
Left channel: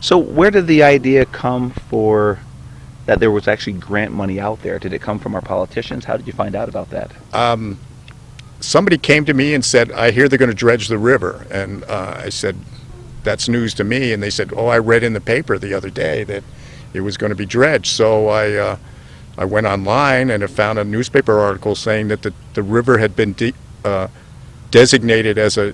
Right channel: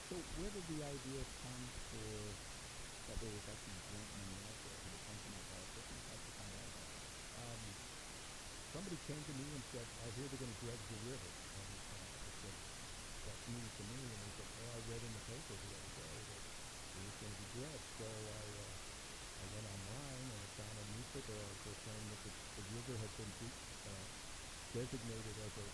so where did the idea come for that there was actually grant money out there? Did it come from our politicians? How did you find out about that? Somebody came to me and said, I hear they're going to dredge the river. And I said, that's news to me. And they said, oh, I read in the paper the other day that it was going to be dredged. So I went online and I found a newspaper article saying that the river had been designated as a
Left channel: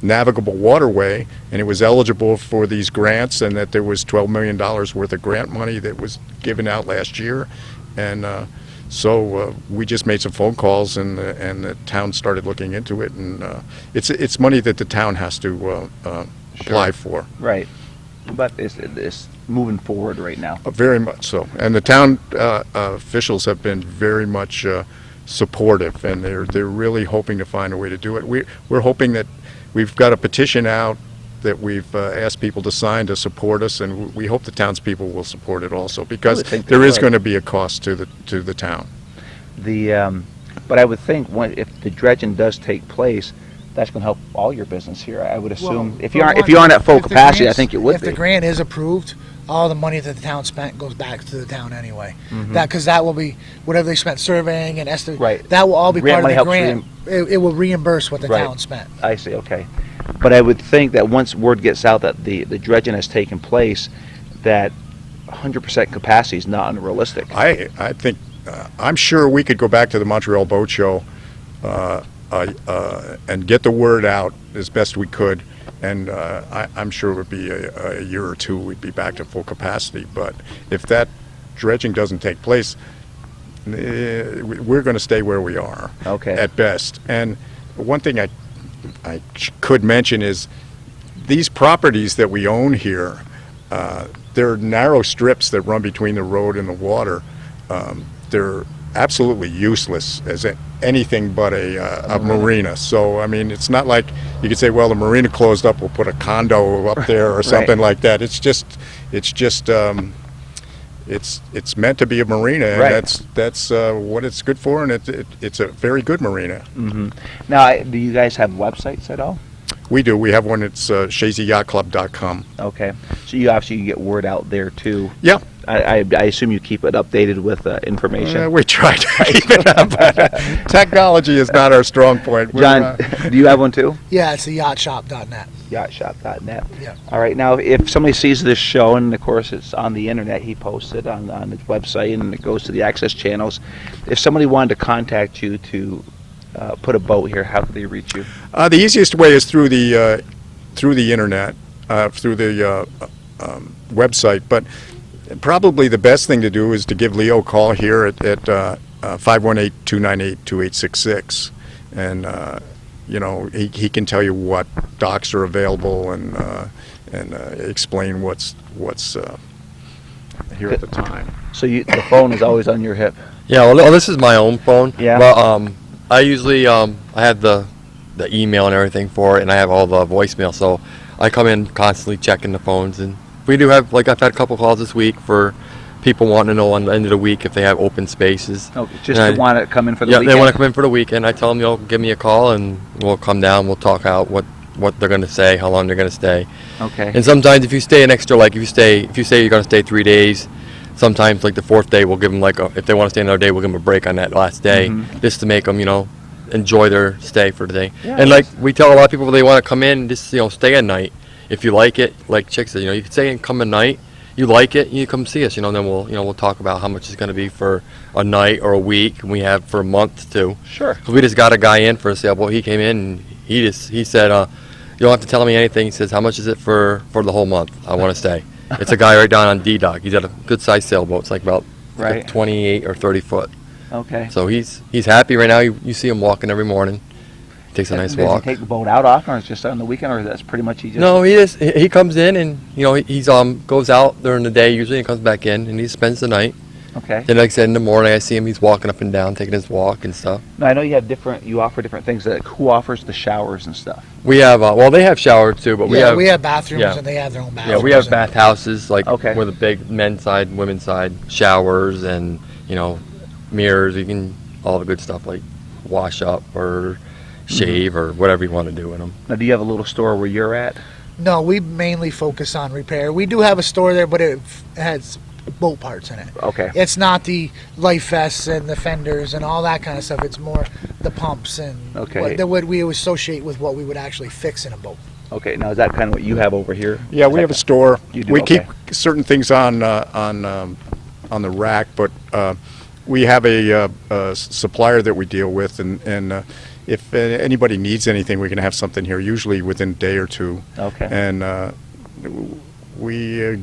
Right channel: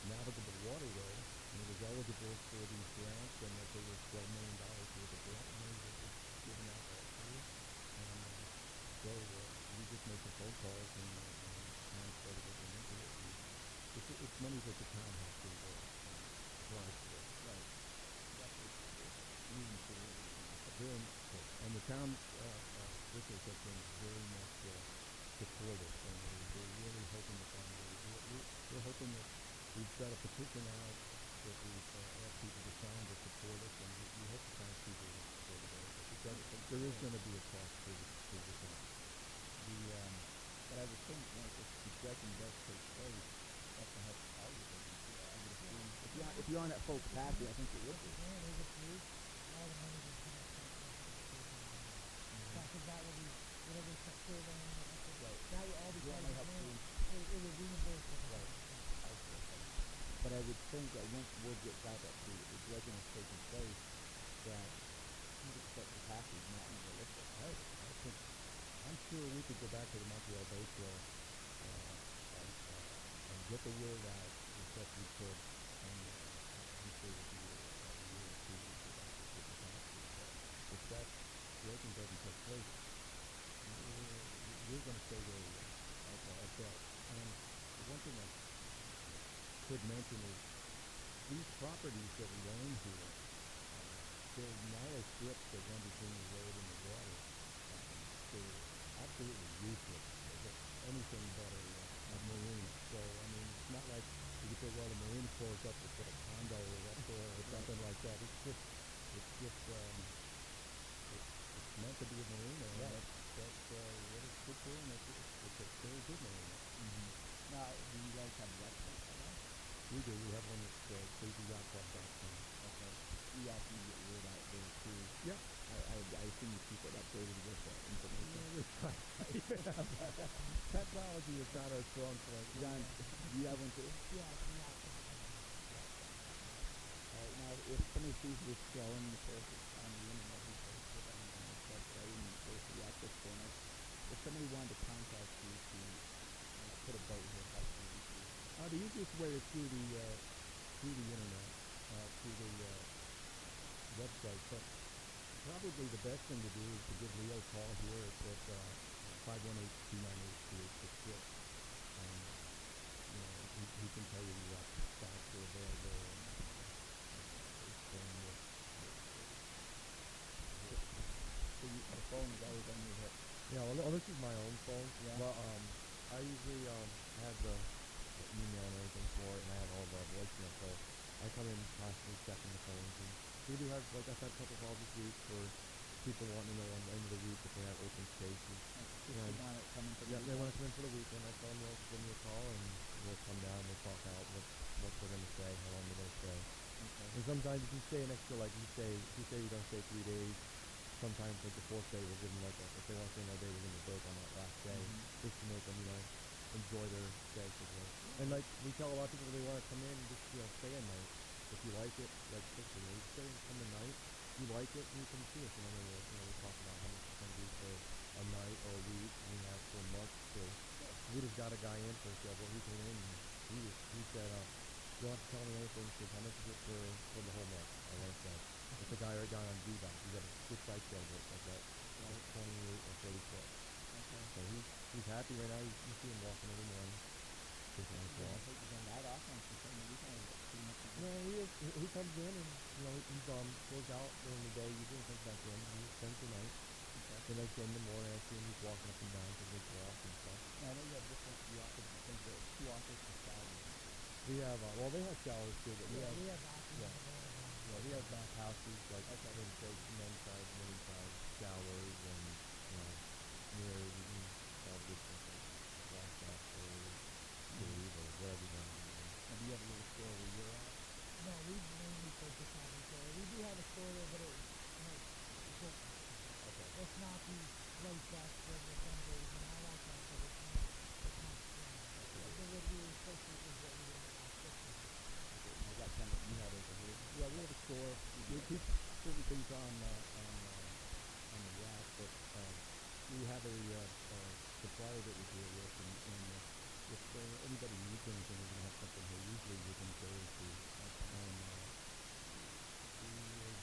navigable waterway, and it was eligible for these grants, and that there was $12 million worth of grant money that was given out last year. And so we just made some phone calls, and the town started looking into it, and it's money that the town has to apply for. Right. But it's moving forward right now. Very much so. And the town officials have been very much supportive, and they're really hoping to find a way to do it. We're hoping that we've got a petition out that we've asked people to sign to support us, and we hope the townspeople will support it also, because think they there is would. going to be a cost to the town. But I would think if the dredging does take place, that's going to help all your business here. I would assume Well, if for you aren't one, at full if the capacity, I grants- think it would If be. the grant is approved, all the money that the town spent goes back to the town anyway. Mhm. Because that will be whatever they spent surveying and Right. that will all be Grant part money of the helps grant. It will reimburse what the Right. town spent. I see. Okay, but I would think that once word gets out that the dredging has taken place, that 100% capacity is not unrealistic. I think, I'm sure we could go back to the Montreal Boat Show and get the word out as best we could, and I'm sure it would be a year or two we'd be back to full capacity. But if that dredging doesn't take place, we're going to stay where we are Okay. at best. And one thing I could mention is these properties that we own here, they're narrow strips that run between the road and the water. They're absolutely useless as anything but a marina. So, I mean, it's not like you could say, well, the marina closed up, we'll put a condo up there or something like that. It's meant to be a marina, and Right. that's what it's good for, and it's a very good marina. Hmm. Now, do you guys have websites at all? We do. We have one. It's chazyyachtclub.com. Okay, so you obviously get word out there too. Yeah. I assume you keep it updated with information. We try to keep it up. Technology is not our strong point. John, do you have one too? Yeah, it's the yachtshop.net. Yachtshop.net. Yeah. All right. Now, if somebody sees this show, and of course it's on the internet, he posts it on his website, and it goes to the access channels. If somebody wanted to contact you to put a boat here, how could they reach you? The easiest way is through the internet, through the website. But probably the best thing to do is to give Leo a call here at 518-298-2866, and he can tell you what docks are available and explain what's here at the time. So the phone is always on your hip. Yeah, well, this is my own phone. Yeah. But I usually I have the email and everything for it, and I have all the voicemail. So I come in constantly checking the phones, and we do have, like, I've had a couple calls this week for people wanting to know on the end of the week if they have open spaces. Okay, just And to want to come in for the yeah, weekend? they want to come in for the weekend. I tell them, give me a call, and we'll come down. We'll talk out what they're going to say, how long they're going to stay. Okay. And sometimes if you stay an extra, like if you say you're going to stay 3 days, sometimes like the fourth day we'll give them if they want to stay another day, we'll give them a break on that last day, Mhm. just to make them enjoy their stay for the day. Yeah, And like we tell a lot of people, they want to come in, just stay a night. If you like it, like Chick said, you can stay and come a night. You like it, you come see us. Then we'll talk about how much it's going to be for a night or a week, and we have for a month too. Sure. 'Cause we just got a guy in for a sailboat. He came in and he said, you don't have to tell me anything. He says, how much is it for the whole month? I want to stay. It's a guy right down on D-Dock. He's got a good sized sailboat. It's like about Right. 28 or 30 foot. Okay. So he's happy right now. You see him walking every morning. Takes a nice Does walk. he take the boat out often, or it's just on the weekend, or that's pretty much he just... No, he comes in and he's goes out during the day usually and comes back in and he spends the night. Okay. Then like I said, in the morning I see him, he's walking up and down taking his walk and stuff. Now, I know you offer different things. Like, who offers the showers and stuff? We have they have showers too, but we have bathrooms yeah. and they have their own bathrooms. yeah, we have and- bathhouses like Okay. with a big men's side, women's side, showers and mirrors. You can all the good stuff like wash up or shave or whatever you want to do in them. Now, do you have a little store where you're at? No, we mainly focus on repair. We do have a store there, but it has boat parts in it. Okay. It's not the life vests and the fenders and all that kind of stuff. It's more the pumps and Okay. what we associate with what we would actually fix in a boat. Okay. Now, is that kind of what you have over here? Yeah, we have a store. You do, We okay. keep certain things on the rack, but we have a supplier that we deal with, and if anybody needs anything, we can have something here, usually within a day or two. Okay. And we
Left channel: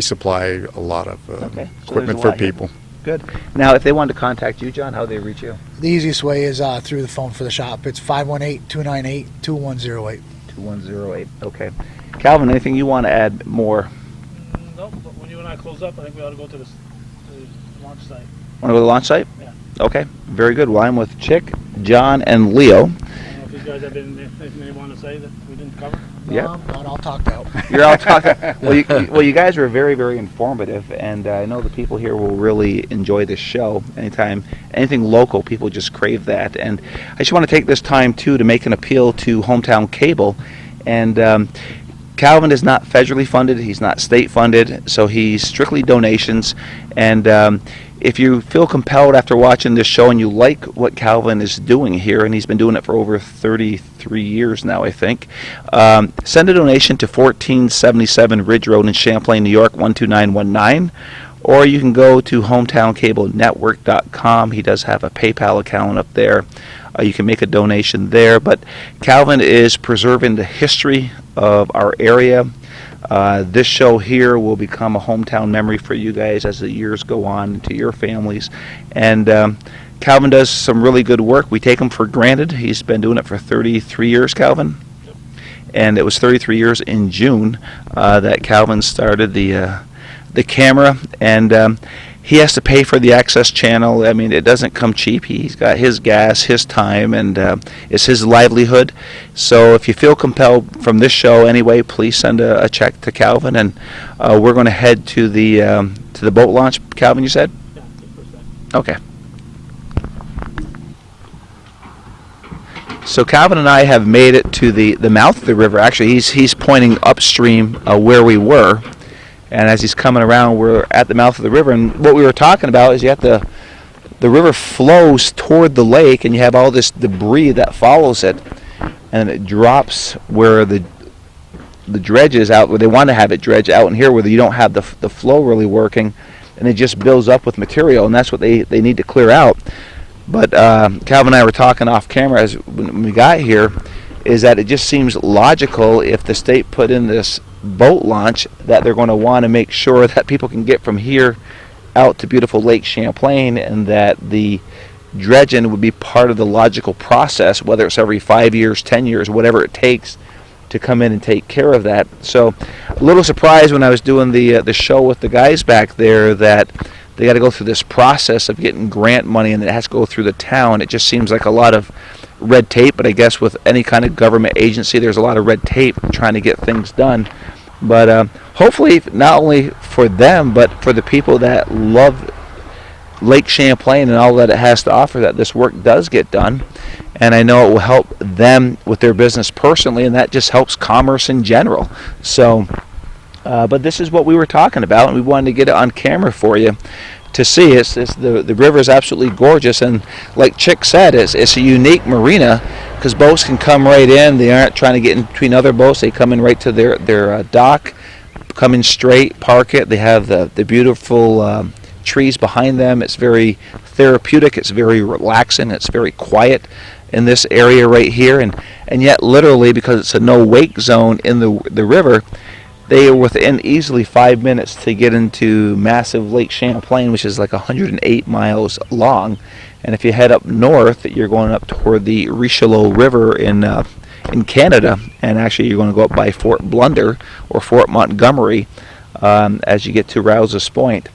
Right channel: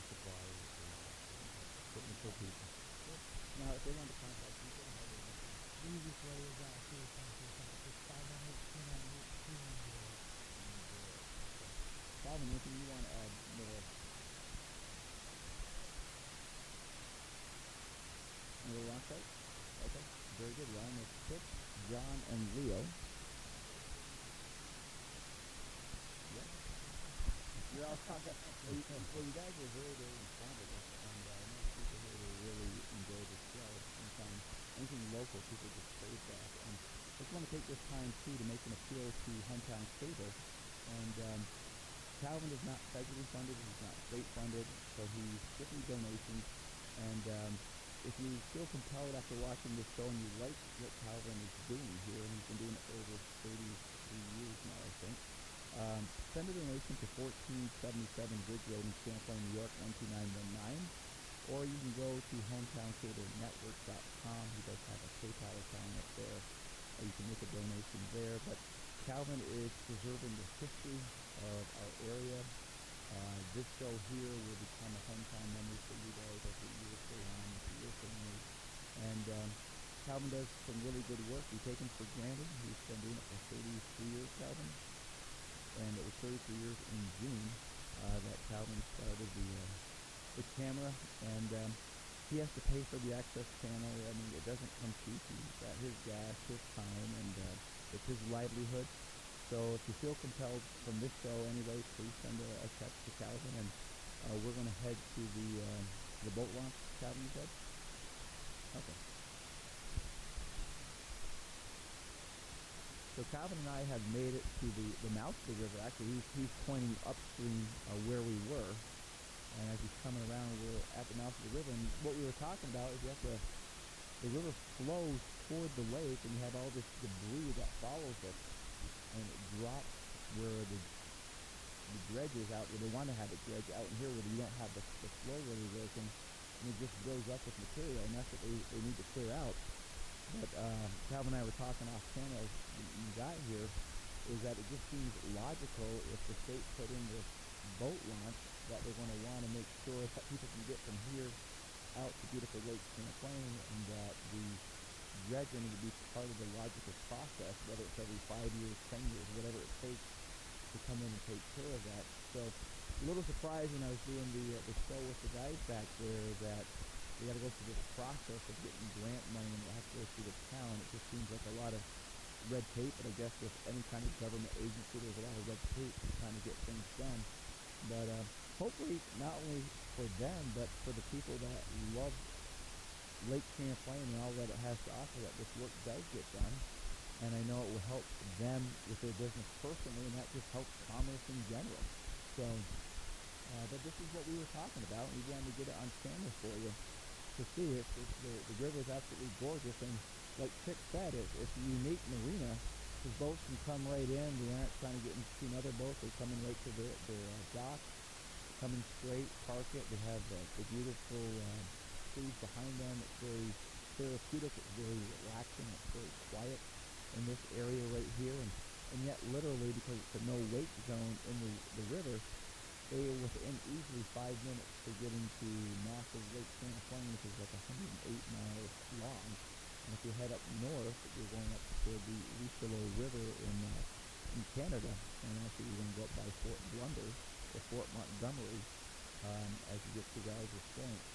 supply a lot of Okay. So there's equipment a for lot here. people. Good. Now, if they wanted to contact you, John, how do they reach you? The easiest way is through the phone for the shop. It's 518-298-2108. 2108. Okay. Calvin, anything you want to add more? No, but when you and I close up, I think we ought to go to the launch site. Want to go to the launch site? Yeah. Okay. Very good. Well, I'm with Chick, John, and Leo. I don't know if he's guys have anything they want to say that we didn't cover? Yeah. Not all talked out. You're all talking. Well, you guys were very, very informative, and I know the people here will really enjoy this show. Anything local, people just crave that. And I just want to take this time too to make an appeal to Hometown Cable, and Calvin is not federally funded. He's not state funded, so he's strictly donations. And if you feel compelled after watching this show and you like what Calvin is doing here, and he's been doing it for over 33 years now, I think, send a donation to 1477 Ridge Road in Champlain, New York, 12919. Or you can go to hometowncablenetwork.com. He does have a PayPal account up there. You can make a donation there. But Calvin is preserving the history of our area. This show here will become a hometown memory for you guys as the years go on to your families. And Calvin does some really good work. We take him for granted. He's been doing it for 33 years, Calvin. And it was 33 years in June that Calvin started the camera. And he has to pay for the access channel. I mean, it doesn't come cheap. He's got his gas, his time, and it's his livelihood. So if you feel compelled from this show anyway, please send a check to Calvin, and we're going to head to the boat launch. Calvin, you said? Yeah, the first time. Okay. So Calvin and I have made it to the mouth of the river. Actually, he's pointing upstream where we were. And as he's coming around, we're at the mouth of the river. And what we were talking about is you have the river flows toward the lake, and you have all this debris that follows it, and it drops where the dredge is out, where they want to have it dredge out in here, where you don't have the flow really working, and it just builds up with material, and that's what they need to clear out. But Calvin and I were talking off camera when we got here, is that it just seems logical if the state put in this boat launch that they're going to want to make sure that people can get from here out to beautiful Lake Champlain, and that the dredging would be part of the logical process, whether it's every 5 years, 10 years, whatever it takes to come in and take care of that. So a little surprised when I was doing the show with the guys back there that they got to go through this process of getting grant money, and it has to go through the town. It just seems like a lot of red tape, but I guess with any kind of government agency, there's a lot of red tape trying to get things done. But hopefully, not only for them, but for the people that love Lake Champlain and all that it has to offer, that this work does get done. And I know it will help them with their business personally, and that just helps commerce in general. So, but this is what we were talking about, and we wanted to get it on camera for you to see. The river is absolutely gorgeous, and like Chick said, it's a unique marina because boats can come right in. They aren't trying to get in between other boats. They come in right to their dock, come in straight, park it. They have the beautiful trees behind them. It's very therapeutic. It's very relaxing. It's very quiet in this area right here, and yet literally, because it's a no wake zone in the river, they are within easily 5 minutes to get into massive Lake Champlain, which is like 108 miles long. And if you head up north, you're going up toward the Richelieu River in Canada, and actually you're going to go up by Fort Blunder or Fort Montgomery as you get to Rouse's Point.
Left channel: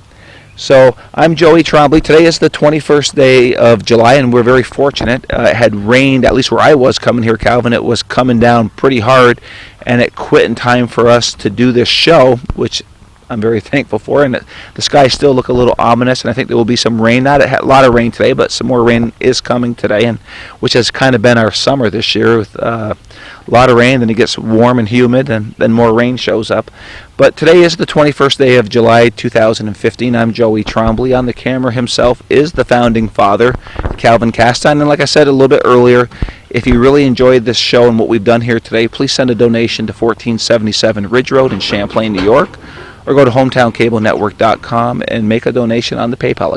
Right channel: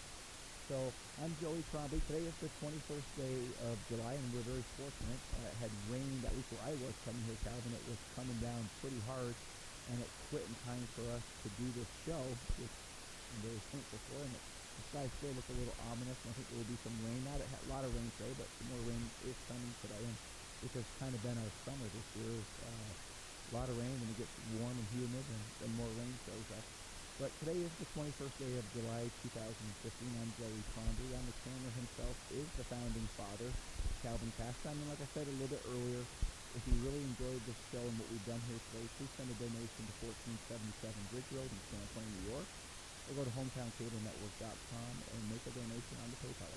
So I'm Joey Trombley. Today is the 21st day of July, and we're very fortunate. It had rained, at least where I was coming here, Calvin. It was coming down pretty hard, and it quit in time for us to do this show, which I'm very thankful for. And the skies still look a little ominous, and I think there will be some rain. Not a lot of rain today, but some more rain is coming today, and which has kind of been our summer this year with a lot of rain. Then it gets warm and humid, and then more rain shows up. But today is the 21st day of July 2015. I'm Joey Trombley. On the camera himself is the founding father, Calvin Castine. And like I said a little bit earlier, if you really enjoyed this show and what we've done here today, please send a donation to 1477 Ridge Road in Champlain, New York, or go to hometowncablenetwork.com and make a donation on the PayPal account.